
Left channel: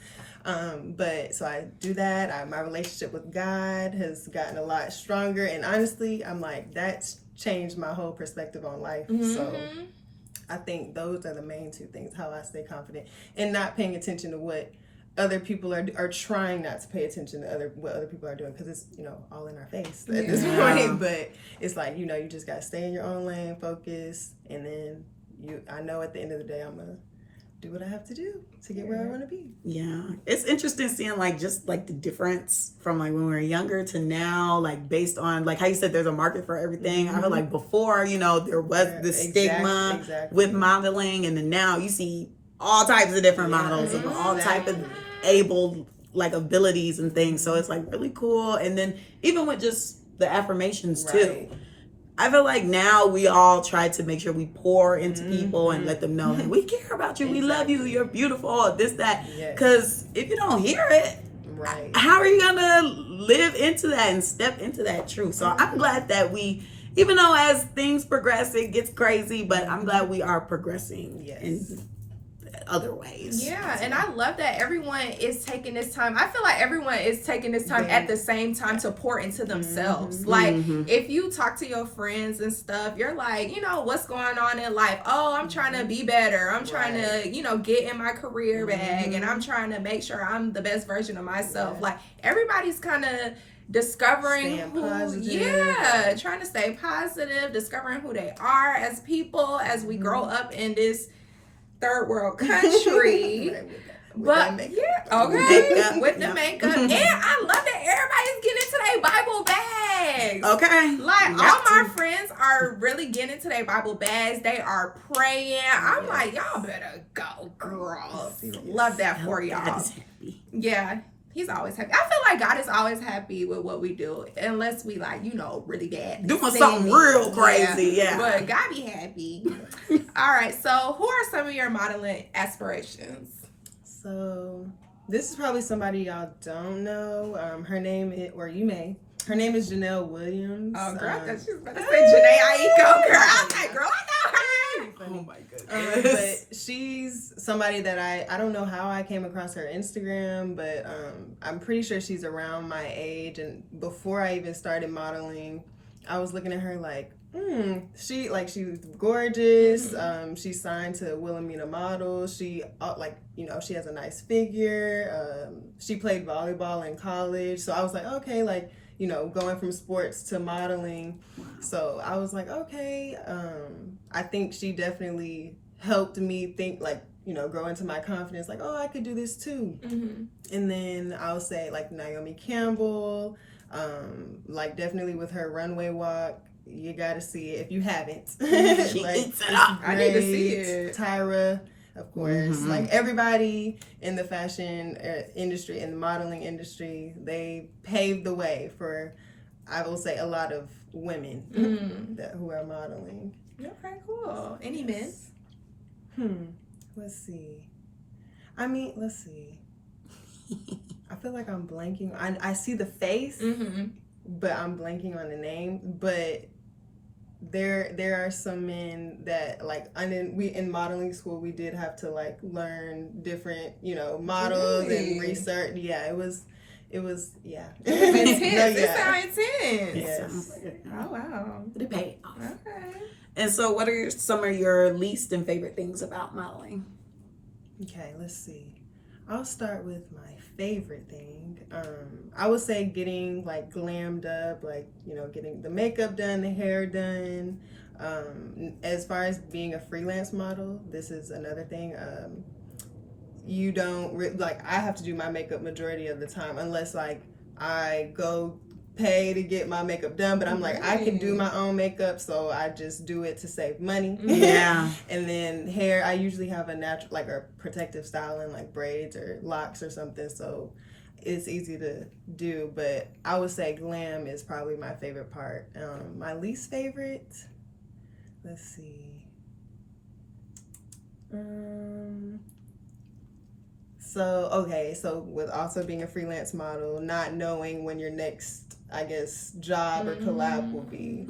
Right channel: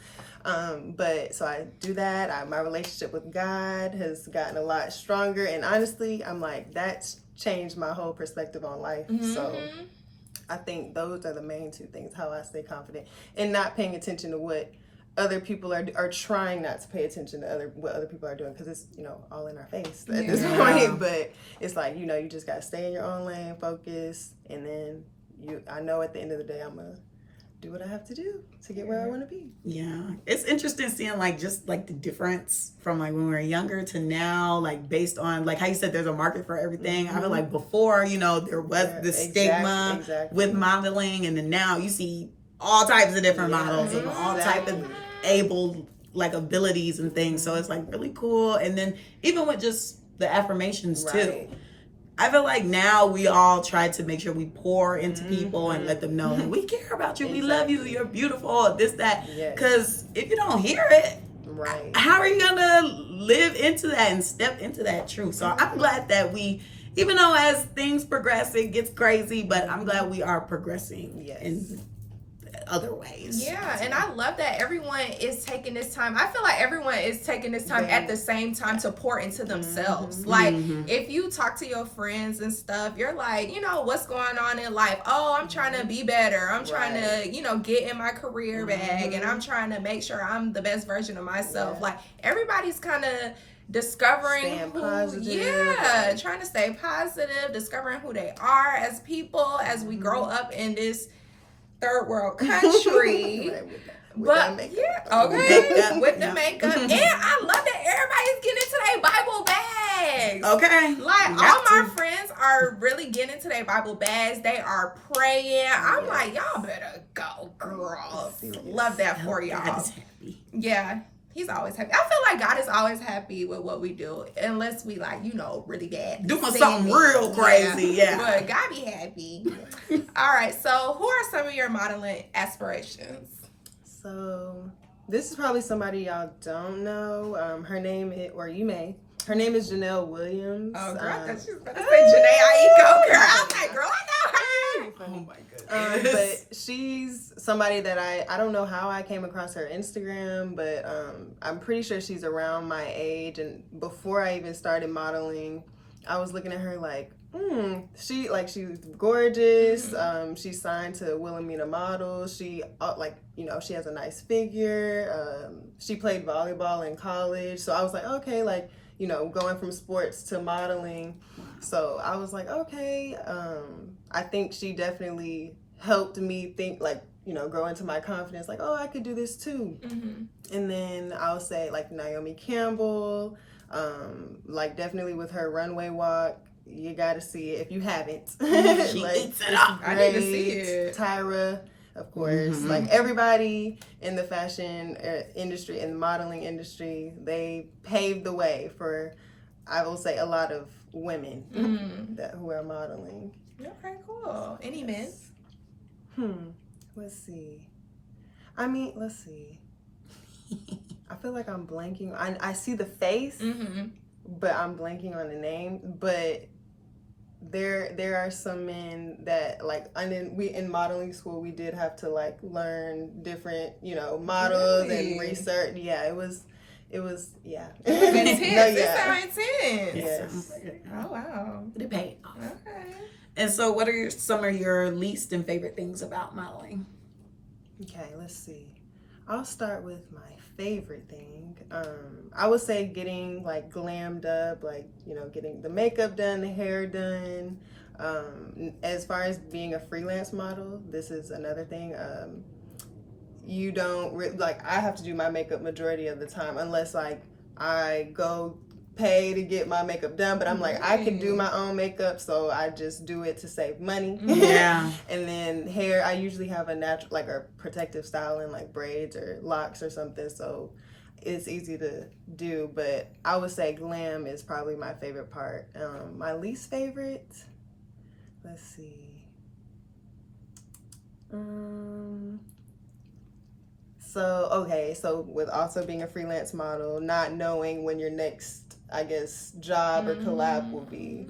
But so I do that. My relationship with God has gotten a lot stronger. And honestly, I'm like, that's changed my whole perspective on life. So I think those are the main 2 things, how I stay confident and not paying attention to what other people are trying not to pay attention to what other people are doing, because it's all in our face at this point. But it's like you just got to stay in your own lane, focus, and then I know at the end of the day I'm gonna do what I have to do to get where I want to be. Yeah, it's interesting seeing just the difference from when we were younger to now, based on how you said there's a market for everything. I feel like before there was the stigma with modeling, and then now you see all types of different models of all type of able abilities and things. So it's really cool. And then even with just the affirmations too, I feel like now we all try to make sure we pour into people and let them know that we care about you, we love you, you're beautiful, this, that. Because if you don't hear it, how are you gonna live into that and step into that truth? So I'm glad that we even though as things progress, it gets crazy, but I'm glad we are progressing in other ways. Yeah, and I love that everyone is taking this time. I feel like everyone is taking this time at the same time to pour into themselves. Like, if you talk to your friends and stuff, you're like, you know, what's going on in life? Oh, I'm trying to be better. I'm trying to, you know, get in my career bag, and I'm trying to make sure I'm the best version of myself. Like, everybody's kind of discovering trying to stay positive, discovering who they are as people as we grow up in this third world country. with the makeup. And I love that everybody's getting into their Bible bags. Okay. Like, all my friends are really getting into their Bible bags. They are praying. I'm like, y'all better go, girls. Love that for y'all. Yeah. He's always happy. I feel like God is always happy with what we do, unless we like, you know, really bad. Doing something real crazy, But God be happy. All right, so who are some of your modeling aspirations? So this is probably somebody y'all don't know. Her name is, or you may. Her name is Janelle Williams. Oh, girl, I thought she was about to say Janae Aiko, girl. I'm like, girl, I know her. Oh my goodness. But she's somebody that I don't know how I came across her Instagram, but I'm pretty sure she's around my age. And before I even started modeling, I was looking at her like, she's gorgeous. She's signed to Wilhelmina Models. She she has a nice figure. She played volleyball in college, so I was like, okay, like, you know, going from sports to modeling. So I was like, okay, I think she definitely helped me think, like, you know, grow into my confidence, like, oh, I could do this too. And then I'll say like Naomi Campbell, like definitely with her runway walk, you gotta see it if you haven't. Like, I need to see it. Tyra, of course, like everybody in the fashion industry and the modeling industry, they paved the way for, I will say, a lot of women who are modeling. Okay, cool. Any men? Let's see. Let's see. I feel like I'm blanking. I see the face, but I'm blanking on the name. But there are some men that, like, in modeling school, we did have to like learn different, you know, models and research. Yeah, it was intense. It sounds intense. Yes. Oh wow. They pay off. Okay. And so, what are some of your least and favorite things about modeling? Okay, let's see. I'll start with my favorite thing. I would say getting like glammed up, like, you know, getting the makeup done, the hair done. As far as being a freelance model, this is another thing. You don't I have to do my makeup majority of the time, unless like I go pay to get my makeup done, but I'm like, I can do my own makeup, so I just do it to save money. Yeah. And then hair, I usually have a natural, like a protective styling, like braids or locks or something, so it's easy to do. But I would say glam is probably my favorite part. My least favorite, let's see. So with also being a freelance model, not knowing when your next, I guess, job or collab will be.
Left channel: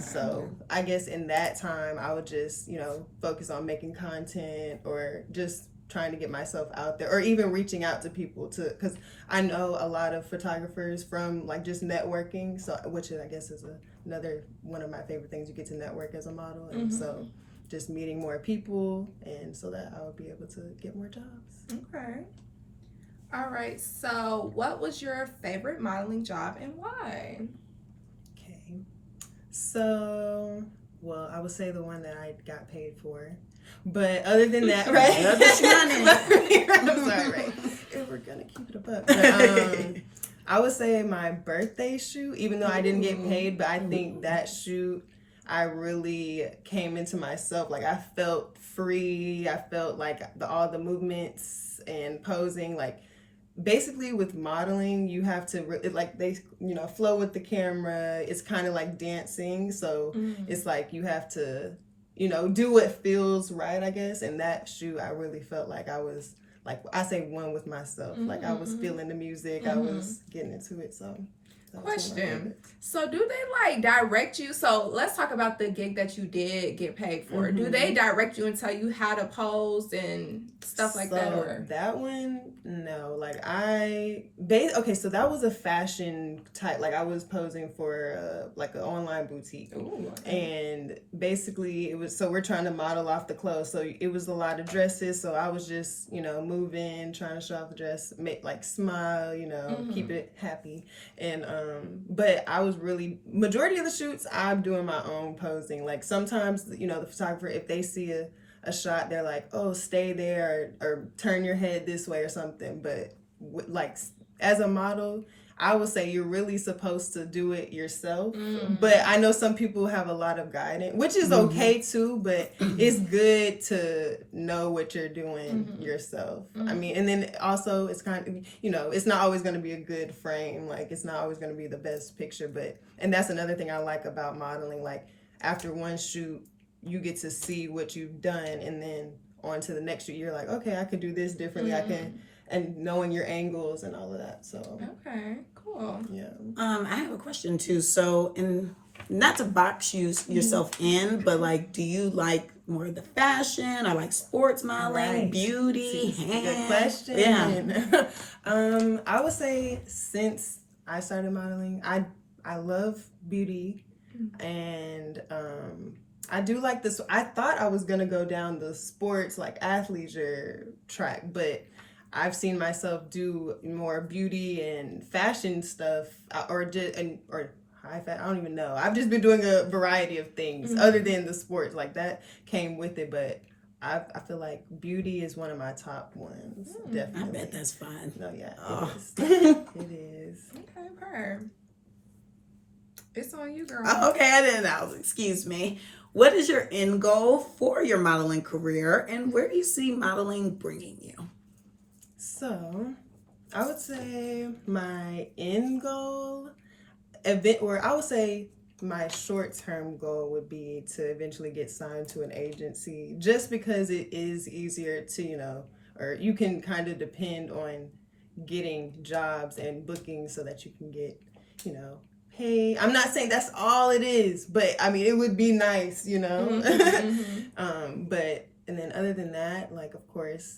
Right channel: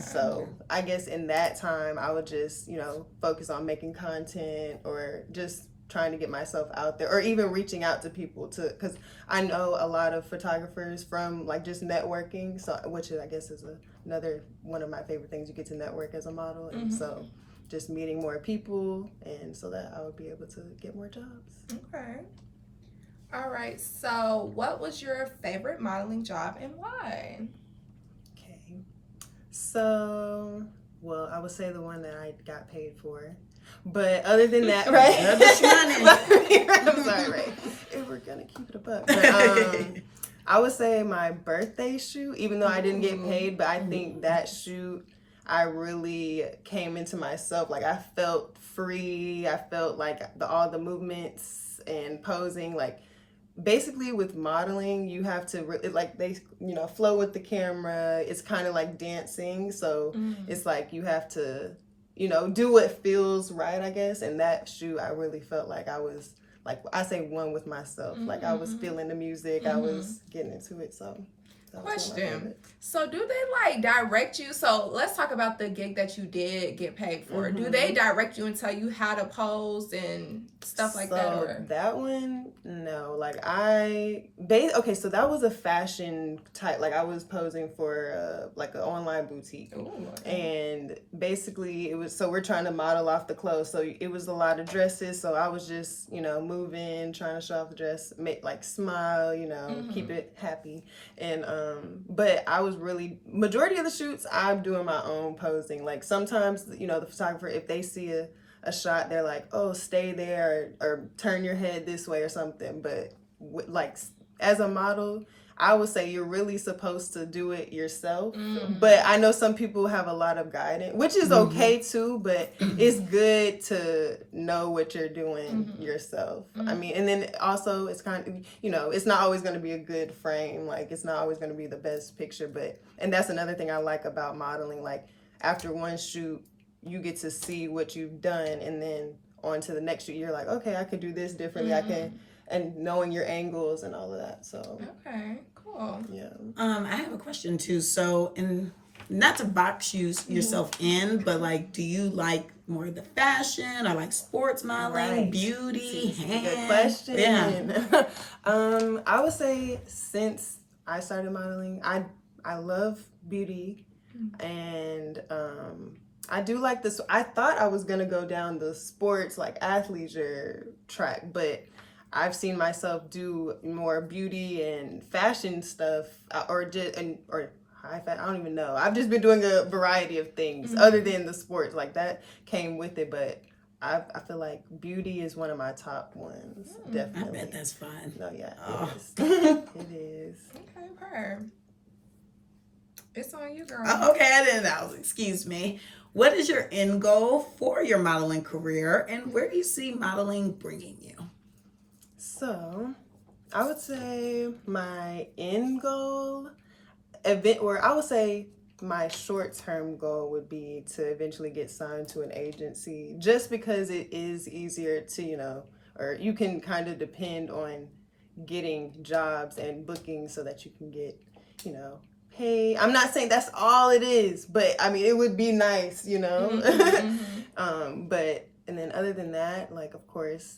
So I guess in that time, I would just, you know, focus on making content or just trying to get myself out there, or even reaching out to people because I know a lot of photographers from like just networking, so which I guess is another one of my favorite things. You get to network as a model, and so just meeting more people, and so that I would be able to get more jobs. Okay. All right. So, what was your favorite modeling job and why? Okay. So, well, I would say the one that I got paid for. But other than that, right? I'm sorry, right? If we're gonna keep it above. But, I would say my birthday shoot, even though I didn't get paid, but I think that shoot, I really came into myself. Like, I felt free. I felt like all the movements and posing, like, basically with modeling, you have to they, you know, flow with the camera. It's kind of like dancing, so it's like you have to, you know, do what feels right, I guess. And that shoot, I really felt like I was, like, I say, one with myself. Like, I was feeling the music, I was getting into it. So Question. So do they like direct you? So let's talk about the gig that you did get paid for. Do they direct you and tell you how to pose and stuff like that? Or that one, no. Like so that was a fashion type. Like I was posing for like an online boutique. Ooh, okay. And basically it was, so we're trying to model off the clothes. So it was a lot of dresses. So I was just, moving, trying to show off the dress, make like smile, keep it happy. And but I was really, majority of the shoots I'm doing my own posing. Like sometimes, the photographer, if they see a shot, they're like, oh, stay there, or turn your head this way or something. But like as a model, I would say you're really supposed to do it yourself. But I know some people have a lot of guidance, which is okay too, but it's good to know what you're doing yourself. I mean, and then also it's kind of, it's not always going to be a good frame. Like it's not always going to be the best picture, and that's another thing I like about modeling. Like after one shoot, you get to see what you've done, and then on to the next shoot, you're like, okay, I can do this differently. I can, and knowing your angles and all of that. So okay, cool. Yeah. I have a question too. So, not to box yourself in, but like, do you like more of the fashion or like sports modeling, beauty? Good question. Yeah. I would say since I started modeling, I love beauty, and I do like this. I thought I was gonna go down the sports, like athleisure track, but I've seen myself do more beauty and fashion stuff, or high fashion. I don't even know. I've just been doing a variety of things other than the sports. Like that came with it, but I feel like beauty is one of my top ones. Definitely. I bet that's fun. No, yeah, Oh. it is. It is. Okay. It's on you, girl. Oh, okay, I didn't know. Excuse me. What is your end goal for your modeling career, and where do you see modeling bringing you? So, I would say my end goal, I would say my short-term goal would be to eventually get signed to an agency, just because it is easier to, or you can kind of depend on getting jobs and bookings so that you can get, paid. I'm not saying that's all it is, but I mean, it would be nice, but, and then other than that, like, of course,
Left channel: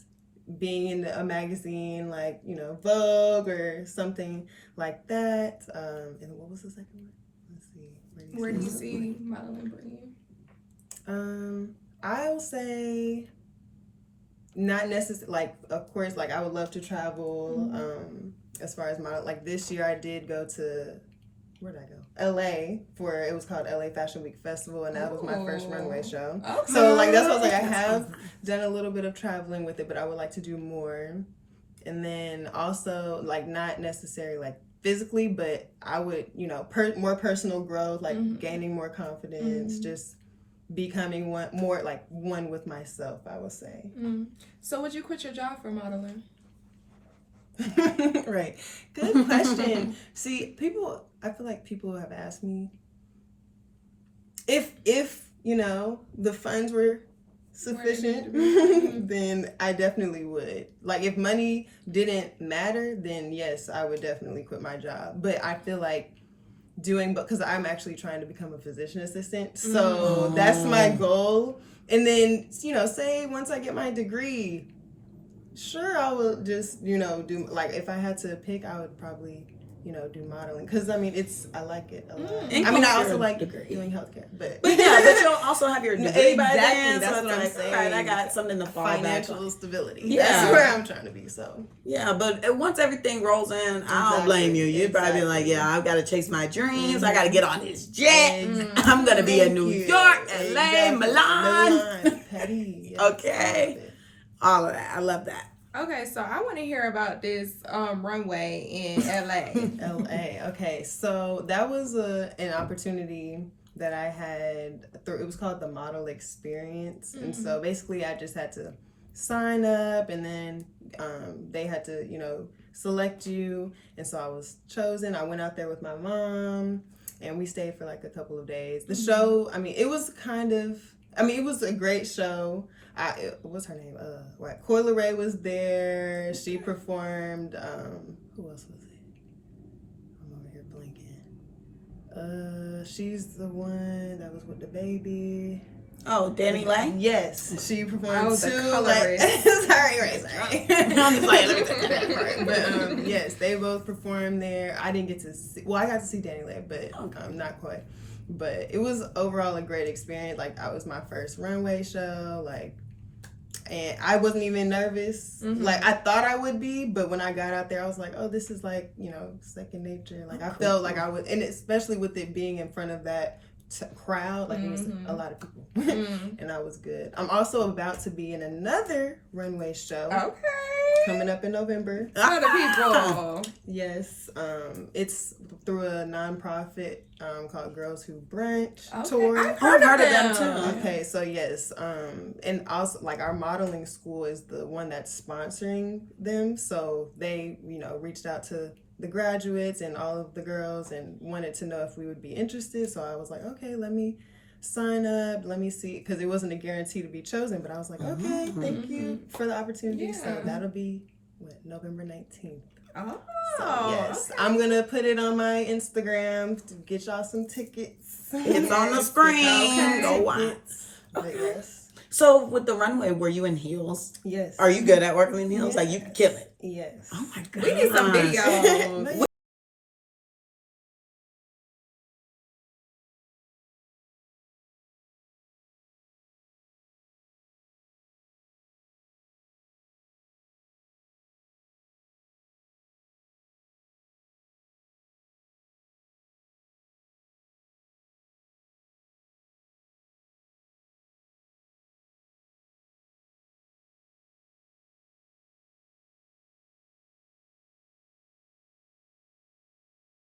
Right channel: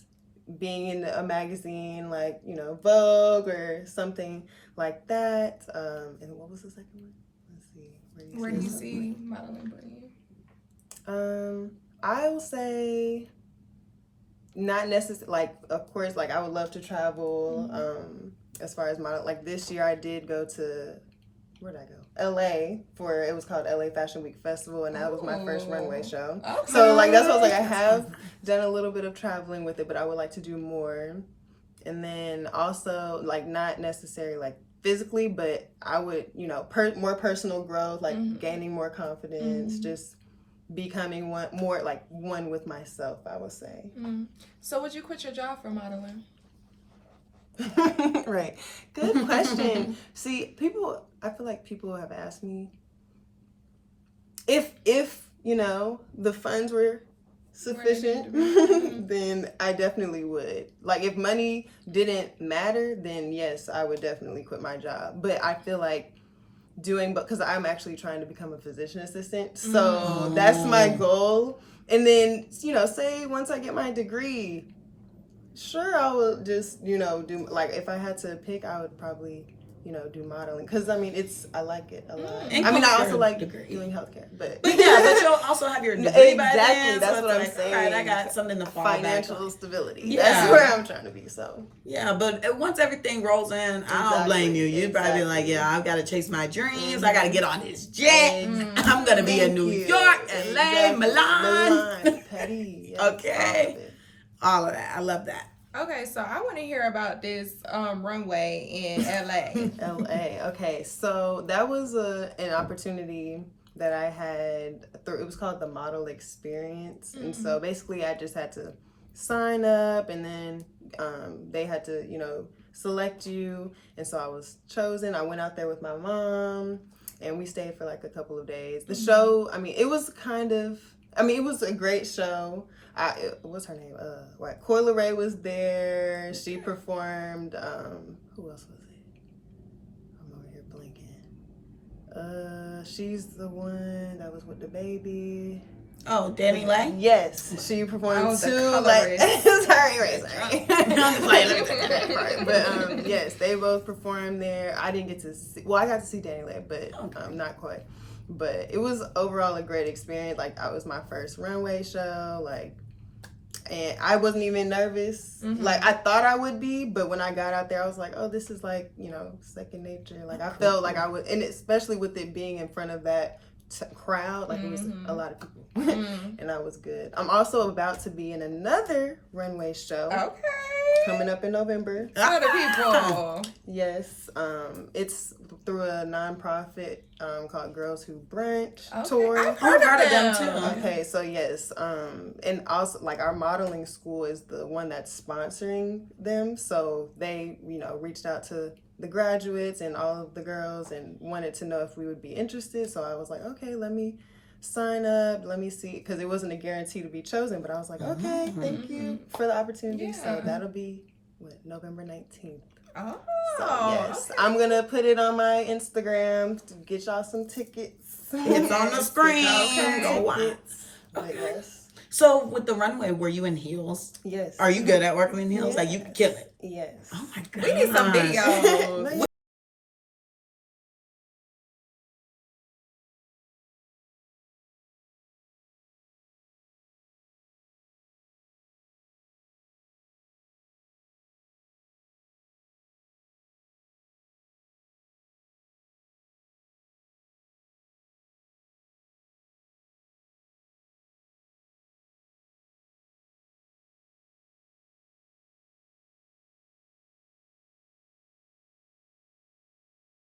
being in a magazine like, Vogue or something like that. And what was the second one? Let's see. Where do you see modeling bringing you? I will say not necessarily, like, of course, like I would love to travel. As far as model, like this year I did go to, where'd I go? LA it was called LA Fashion Week Festival, and that was my first runway show. Okay. So like that's what I was like, I have done a little bit of traveling with it, but I would like to do more. And then also like not necessarily like physically, but I would, more personal growth, like gaining more confidence, just becoming one with myself, I would say. So would you quit your job for modeling? Right. Good question. See, I feel like people have asked me if the funds were sufficient, then I definitely would. Like if money didn't matter, then yes, I would definitely quit my job. But I feel like because I'm actually trying to become a physician assistant, so that's my goal. And then, say once I get my degree, sure, I will just, do, like, if I had to pick, I would probably, do modeling. Because, I mean, I like it a lot. I mean, I also like doing healthcare. But yeah, but you'll also have your degree by then. That's so what I'm like, saying. All right, I got something to fall back on. Financial stability. Yeah. That's where I'm trying to be, so. Yeah, but once everything rolls in, I don't blame you. You'd probably be like, yeah, I've got to chase my dreams. I got to get on this jet. I'm going to be in New York, LA, Milan. Petty. Okay. All of that. I love that. Okay, so I want to hear about this runway in LA. LA. Okay, so that was an opportunity that I had it was called the Model Experience. And so basically I just had to sign up, and then they had to, select you. And so I was chosen. I went out there with my mom, and we stayed for like a couple of days. The show, it was it was a great show. What's her name? Coyle Ray was there. She performed. Who else was it? I'm over here blanking. She's the one that was with the baby. Oh, Danny Lay? Yes, she performed the two. colorist. Sorry. But yes, they both performed there. I didn't get to see. Well, I got to see Danny Lay, but not quite. But it was overall a great experience. Like, I was my first runway show. Like, and I wasn't even nervous. Like, I thought I would be, but when I got out there, I was like, oh, this is like, you know, second nature. Like, I felt like I would, and especially with it being in front of that crowd, like it was a lot of people, and that was good. I'm also about to be in another runway show. Okay. Coming up in November. How the people? Yes. It's through a nonprofit called Girls Who Brunch tour. I've heard of them too. Okay, so yes, and also like our modeling school is the one that's sponsoring them, so they, you know, reached out to the graduates and all of the girls and wanted to know if we would be interested. So I was like, okay, let me sign up, let me see, because it wasn't a guarantee to be chosen, but I was like, okay, thank you for the opportunity. So that'll be November 19th. Oh, so, yes, I'm gonna put it on my Instagram to get y'all some tickets. It's on the screen. Okay. Go watch. But yes. So with the runway, were you in heels? Yes. Are you good at working in heels? Like, you can kill it. Yes. Oh my god. we need some videos.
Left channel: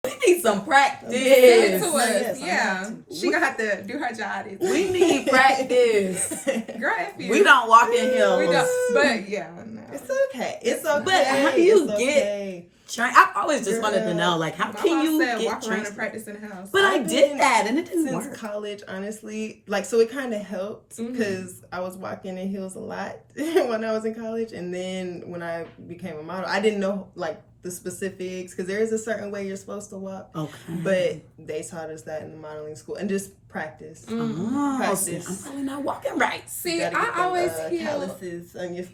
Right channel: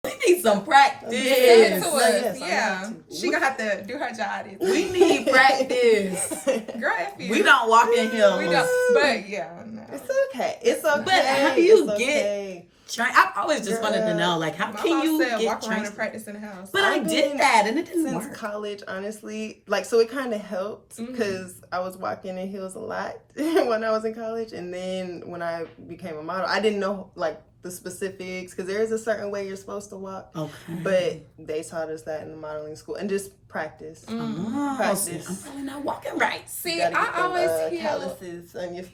We need some practice. Send it to us. Yeah. She gonna have to do her job. We need practice. Girl, if you. We don't walk in heels. We don't. But yeah, no. It's okay. It's okay. But how do you get? I've always just wanted to know, like, how My can mom you said get walk around and practice in the house. But I did that and it didn't since work. College, honestly, like, so it kind of helped because I was walking in heels a lot when I was in college, and then when I became a model, I didn't know like the specifics because there is a certain way you're supposed to walk. Okay. But they taught us that in the modeling school, and just practice. Practice. I'm probably not walking right. See, I always hear calluses on your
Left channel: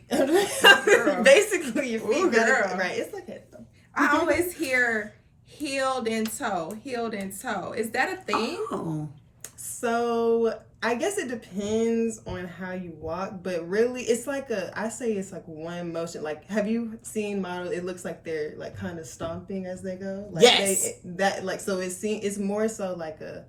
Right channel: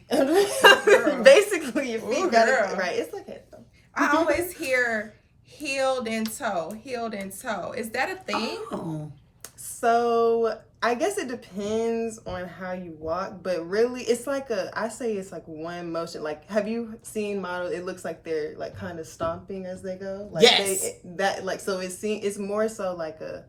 basically your feet. Right. It's okay though. I always hear heeled and toe. Is that a thing? Oh. So I guess it depends on how you walk, but really it's like I say it's like one motion. Like, have you seen models? It looks like they're like kind of stomping as they go. Like yes. So it's more so like a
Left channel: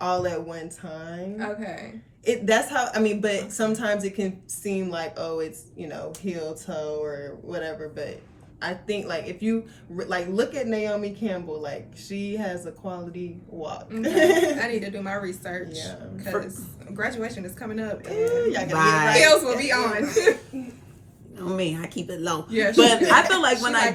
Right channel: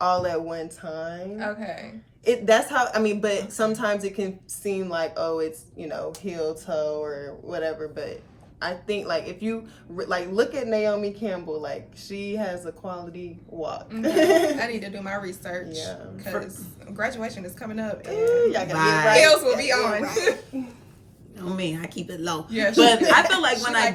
all at one time. Okay. That's how, I mean, but sometimes it can seem like, oh, it's, you know, heel toe or whatever, but I think, like, if you, like, look at Naomi Campbell, like, she has a quality walk. I need to do my research. Yeah. Because graduation is coming up and heels will be on. Me, I keep it low. Yeah, but I feel like when I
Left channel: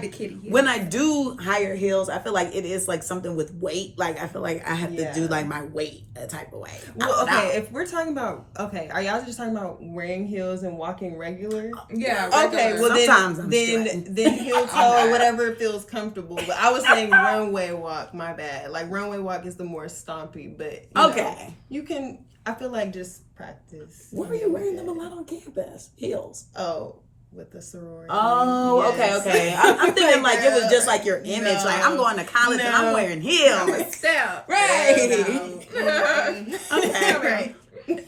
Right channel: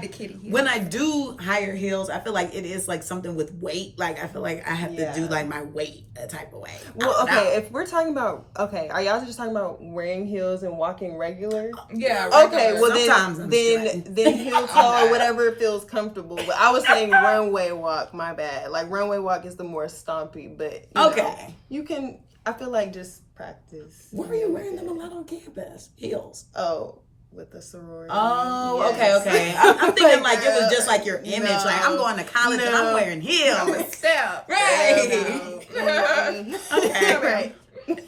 I do higher heels, I feel like it is like something with weight. Like, I feel like I have to do like my weight a type of way. Well, okay, if we're talking about, are y'all just talking about wearing heels and walking regular? Yeah, regular. Okay, well then heel toe or whatever feels comfortable. But I was saying runway walk, my bad. Like, runway walk is the more stompy, but you know, you can, I feel like just practice. What were you wearing them a lot on campus? Heels. Oh. With the sorority. Oh, yes. okay. I'm thinking like it was just like your image. No. Like, I'm going to college and I'm wearing heels. Step. Right. Okay. Right.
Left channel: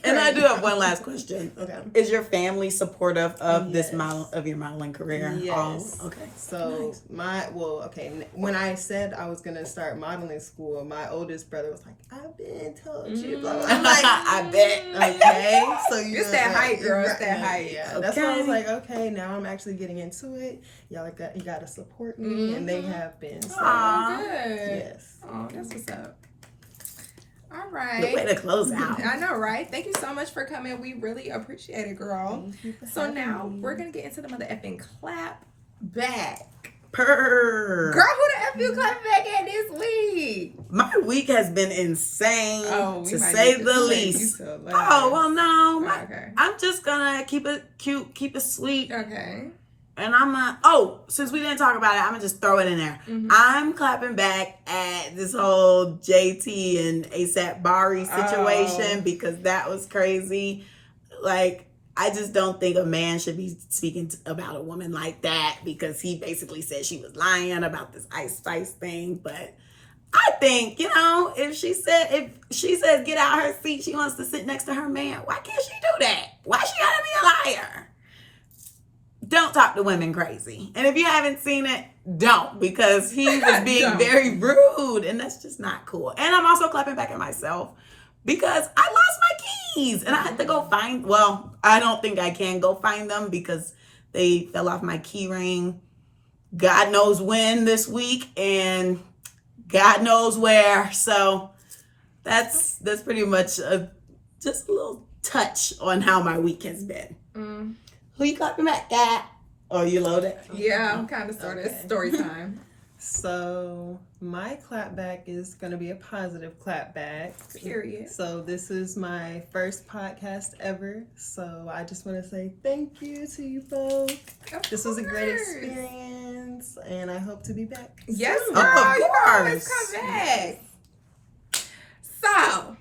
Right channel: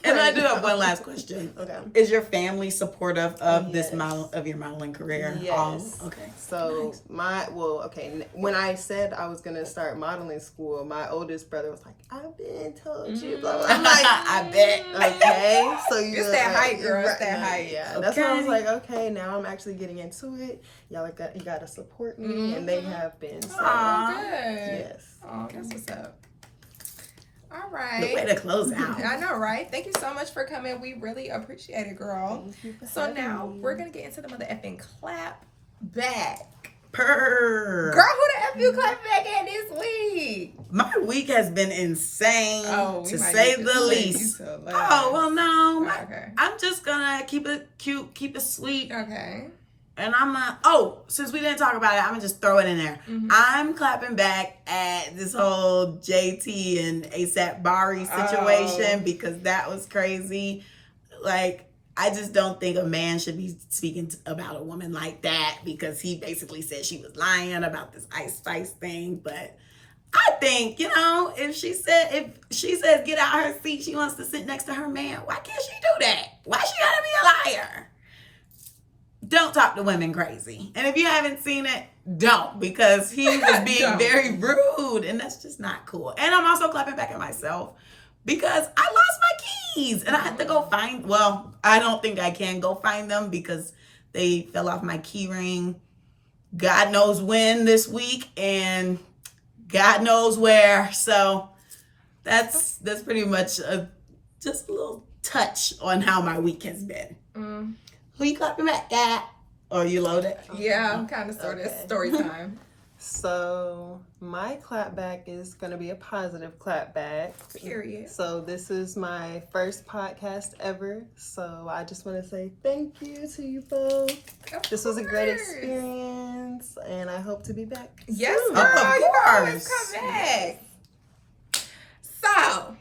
And I do have one last question. Okay. Is your family supportive of this of your modeling career? Yes. Oh, okay. So when I said I was gonna start modeling school, my oldest brother was like, "I've been told you." I'm like, I bet. Okay. So it's that height, girl. It's that height. Yeah. Okay. That's why I was like, okay, now I'm actually getting into it. Y'all you gotta support me, and they have been. So. Oh, good. Yes. Oh, that's what's up. All right. The way to close out. I know, right? Thank you so much for coming. We really appreciate it, girl. So now we're going to get into the mother effing clap back. Purr. Girl, who the F you clap back at this week? My week has been insane, to say the least. Oh, well, no. Okay. I'm just going to keep it cute, keep it sweet. Okay. And since we didn't talk about it, I'm gonna just throw it in there. I'm clapping back at this whole JT and ASAP Bari situation because that was crazy. Like, I just don't think a man should be speaking about a woman like that because he basically said she was lying about this Ice Spice thing. But I think, if she says get out her seat, she wants to sit next to her man, why can't she do that? Why she gotta be a liar? Don't talk to women crazy. And if you haven't seen it, don't, because he was being very rude, and that's just not cool. And I'm also clapping back at myself because I lost my keys and I had to go find, I don't think I can go find them because they fell off my key ring God knows when this week and God knows where. So that's pretty much just a little touch on how my week has been. Who you clapping back at? Oh, you loaded? Yeah, I'm kind of sort of story time. So my clapback is going to be a positive clapback. Period. So this is my first podcast ever. So I just want to say thank you to you both. This was a great experience, and I hope to be back. Yes, soon. girl, you can always come back. So,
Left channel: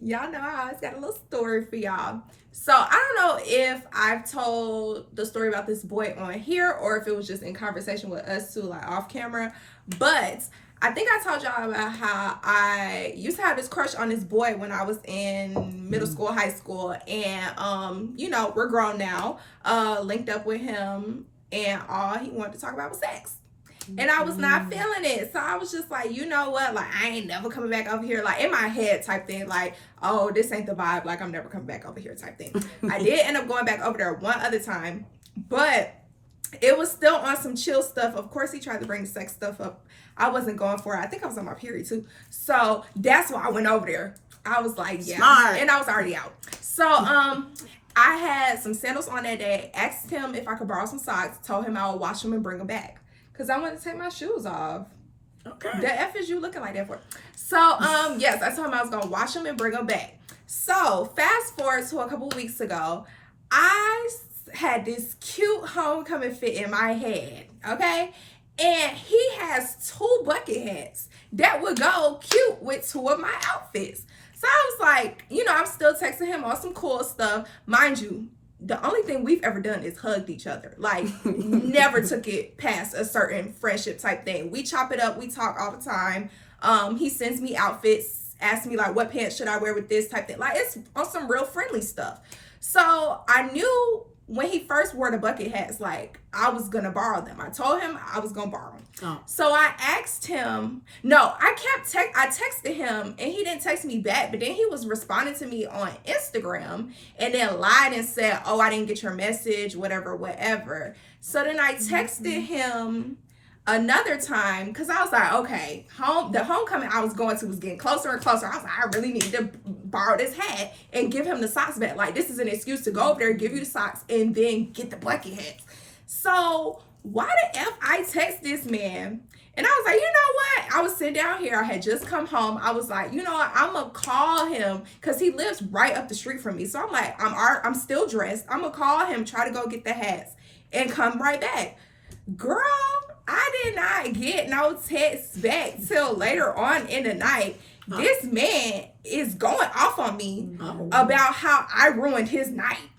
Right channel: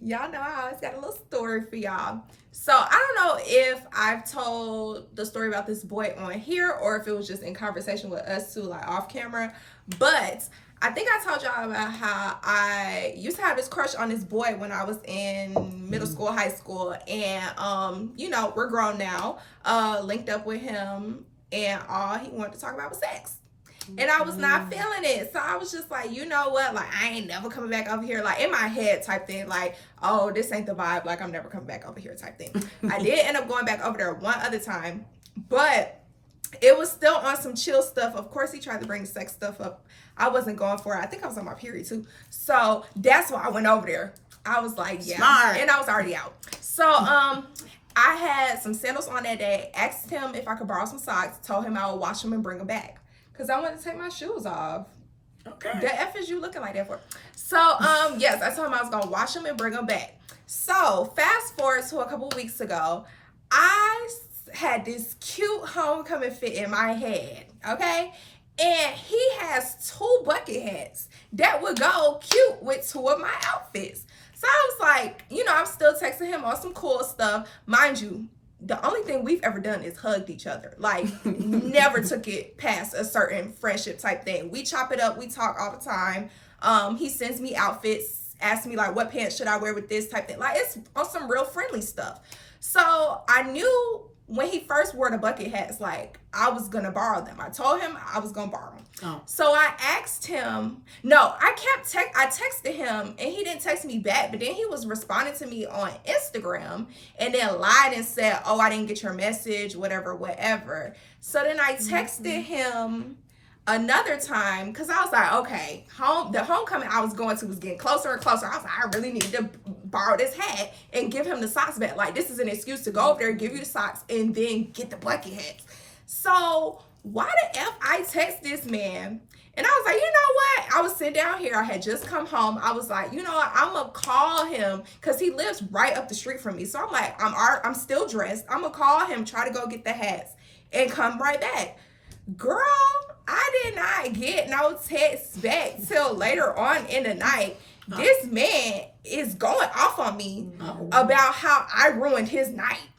y'all know I always got a little story for y'all. So I don't know if I've told the story about this boy on here or if it was just in conversation with us two, like off camera. But I think I told y'all about how I used to have this crush on this boy when I was in middle school, high school. And, we're grown now. Linked up with him and all he wanted to talk about was sex. And I was not feeling it. So I was just like, you know what? Like, I ain't never coming back over here. Like, in my head type thing. Like, oh, this ain't the vibe. Like, I'm never coming back over here type thing. I did end up going back over there one other time. But it was still on some chill stuff. Of course, he tried to bring the sex stuff up. I wasn't going for it. I think I was on my period, too. So that's why I went over there. I was like, yeah. Smart. And I was already out. So, I had some sandals on that day. Asked him if I could borrow some socks. Told him I would wash them and bring them back. Because I wanted to take my shoes off. Okay. The F is you looking like that for? So, yes, I told him I was going to wash them and bring them back. So, fast forward to a couple of weeks ago, I had this cute homecoming fit in my head, okay? And he has 2 bucket hats that would go cute with 2 of my outfits. So, I was like, I'm still texting him on some cool stuff. Mind you, the only thing we've ever done is hugged each other. Like, never took it past a certain friendship type thing. We chop it up. We talk all the time. He sends me outfits, asks me, like, what pants should I wear with this type thing. Like, it's on some real friendly stuff. So I knew when he first wore the bucket hats, like, I was going to borrow them. I told him I was going to borrow them. Oh. So I asked him, I texted him and he didn't text me back, but then he was responding to me on Instagram and then lied and said, oh, I didn't get your message, whatever. So then I texted him another time because I was like, okay, the homecoming I was going to was getting closer and closer. I was like, I really need to borrow this hat and give him the socks back. Like, this is an excuse to go over there, give you the socks, and then get the bucket hats. So why the F I text this man? And I was like, you know what? I was sitting down here. I had just come home. I was like, you know what? I'm going to call him because he lives right up the street from me. So I'm like, I'm still dressed. I'm going to call him, try to go get the hats, and come right back. Girl, I did not get no text back till later on in the night. This man is going off on me about how I ruined his night.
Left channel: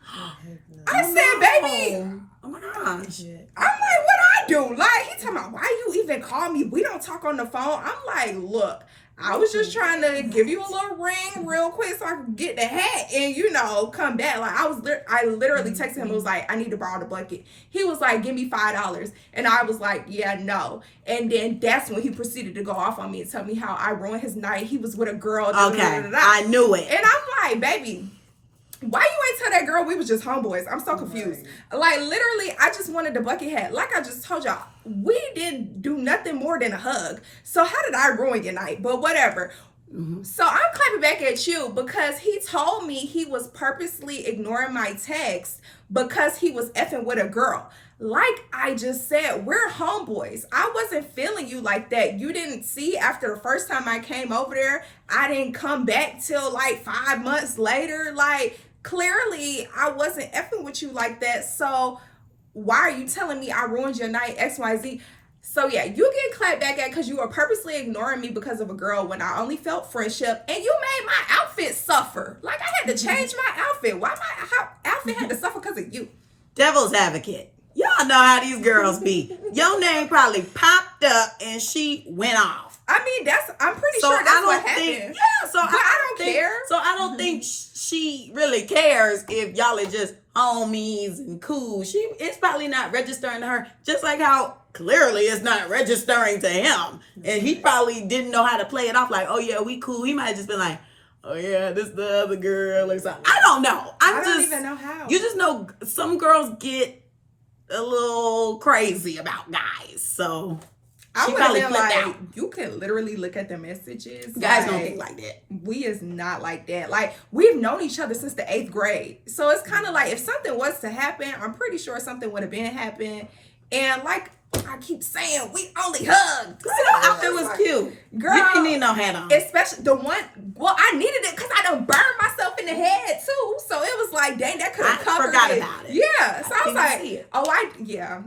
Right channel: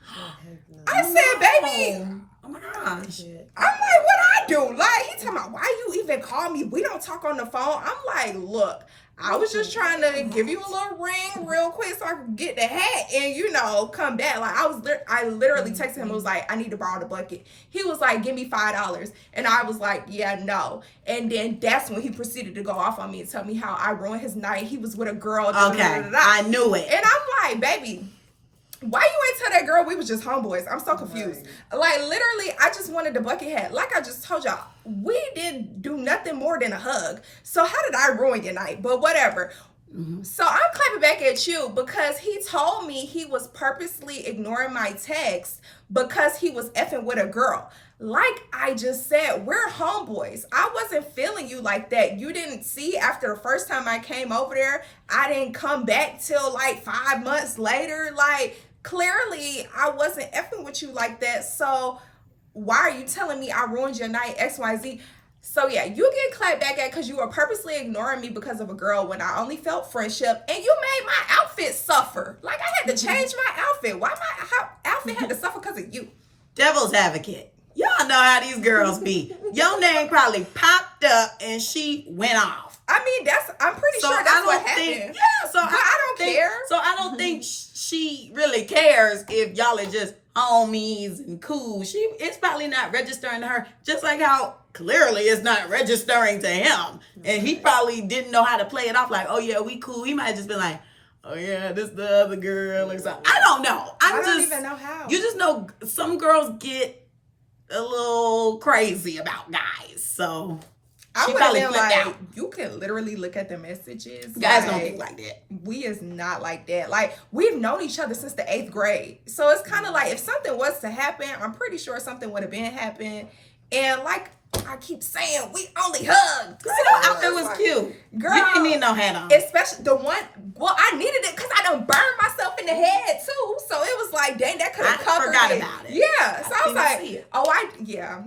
I said, baby, oh my gosh. I'm like, what I do? Like, he talking about, why you even call me? We don't talk on the phone. I'm like, look, I was just trying to give you a little ring real quick so I could get the hat and, come back. Like, I literally texted him. It was like, I need to borrow the bucket. He was like, give me $5. And I was like, yeah, no. And then that's when he proceeded to go off on me and tell me how I ruined his night. He was with a girl. Okay, I knew it. And I'm like, baby, why you ain't tell that girl we was just homeboys? I'm so confused. Right. Like, literally, I just wanted the bucket hat. Like I just told y'all, we didn't do nothing more than a hug. So how did I ruin your night? But whatever. Mm-hmm. So I'm clapping back at you because he told me he was purposely ignoring my text because he was effing with a girl. Like I just said, we're homeboys. I wasn't feeling you like that. You didn't see after the first time I came over there, I didn't come back till like 5 months later. Like, clearly I wasn't effing with you like that. So why are you telling me I ruined your night, XYZ? So yeah, you get clapped back at because you were purposely ignoring me because of a girl when I only felt friendship, and you made my outfit suffer. Like, I had to change my outfit. Why my outfit had to suffer because of you? Devil's advocate. Y'all know how these girls be. Your name probably popped up and she went off. I mean, I'm pretty sure that's what happened. Yeah, so I don't care. So I don't think she really cares if y'all are just homies and cool. It's probably not registering to her, just like how clearly it's not registering to him. And he probably didn't know how to play it off like, oh yeah, we cool. He might have just been like, oh yeah, this the other girl or something. I don't know. I don't even know how. You just know some girls get a little crazy about guys. So I would have been like, you can literally look at the messages. Guys don't think like that. We is not like that. Like, we've known each other since the 8th grade. So it's kind of like, if something was to happen, I'm pretty sure something would have been happened. And like I keep saying, we only hugged. Girl, that outfit was cute. Girl, you didn't need no hat on. Especially the one, well, I needed it because I done burned myself in the head too. So it was like, dang, that could have covered it. I forgot about it. Yeah. So I was like,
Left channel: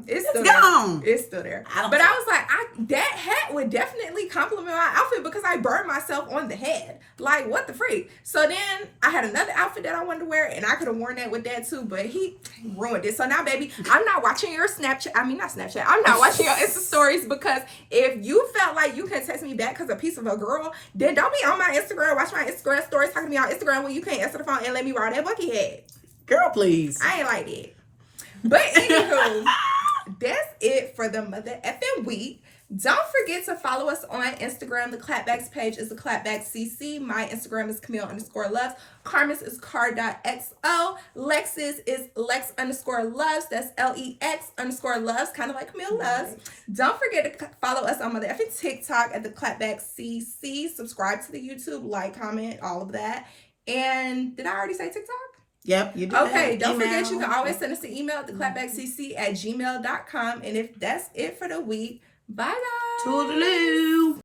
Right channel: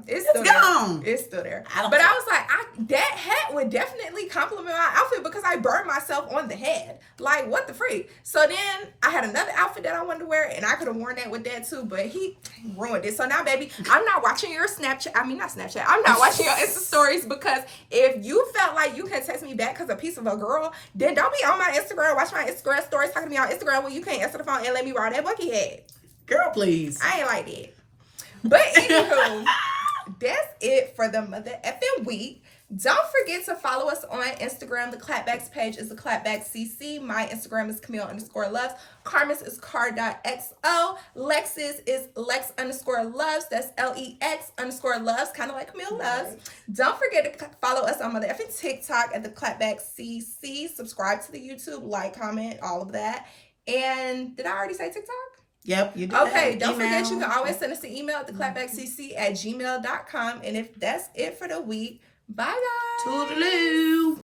it's still there. It's still there. But I was like, that hat would definitely compliment my outfit because I burned myself on the head. Like, what the freak? So then I had another outfit that I wanted to wear, and I could have worn that with that too, but he ruined it. So now, baby, I'm not watching your Snapchat. I mean, not Snapchat. I'm not watching your Insta stories, because if you felt like you can text me back because a piece of a girl, then don't be on my Instagram, watch my Instagram stories, talking to me on Instagram when you can't answer the phone and let me ride that bucky head. Girl, please. I ain't like that. But anywho, that's it for the mother effing week. Don't forget to follow us on Instagram. The Clapback's page is theclapbackcc. My Instagram is Camille_loves. Carmen's is car.xo. Lex's is Lex_loves. That's LEX_loves, kind of like Camille loves. Don't forget to follow us on mother effing TikTok at the Clapbackcc. Subscribe to the YouTube, like, comment, all of that. And did I already say TikTok? Yep, you did. Okay, don't forget you can always send us an email at theclapbackcc@gmail.com. And if that's it for the week, bye guys. Toodaloo.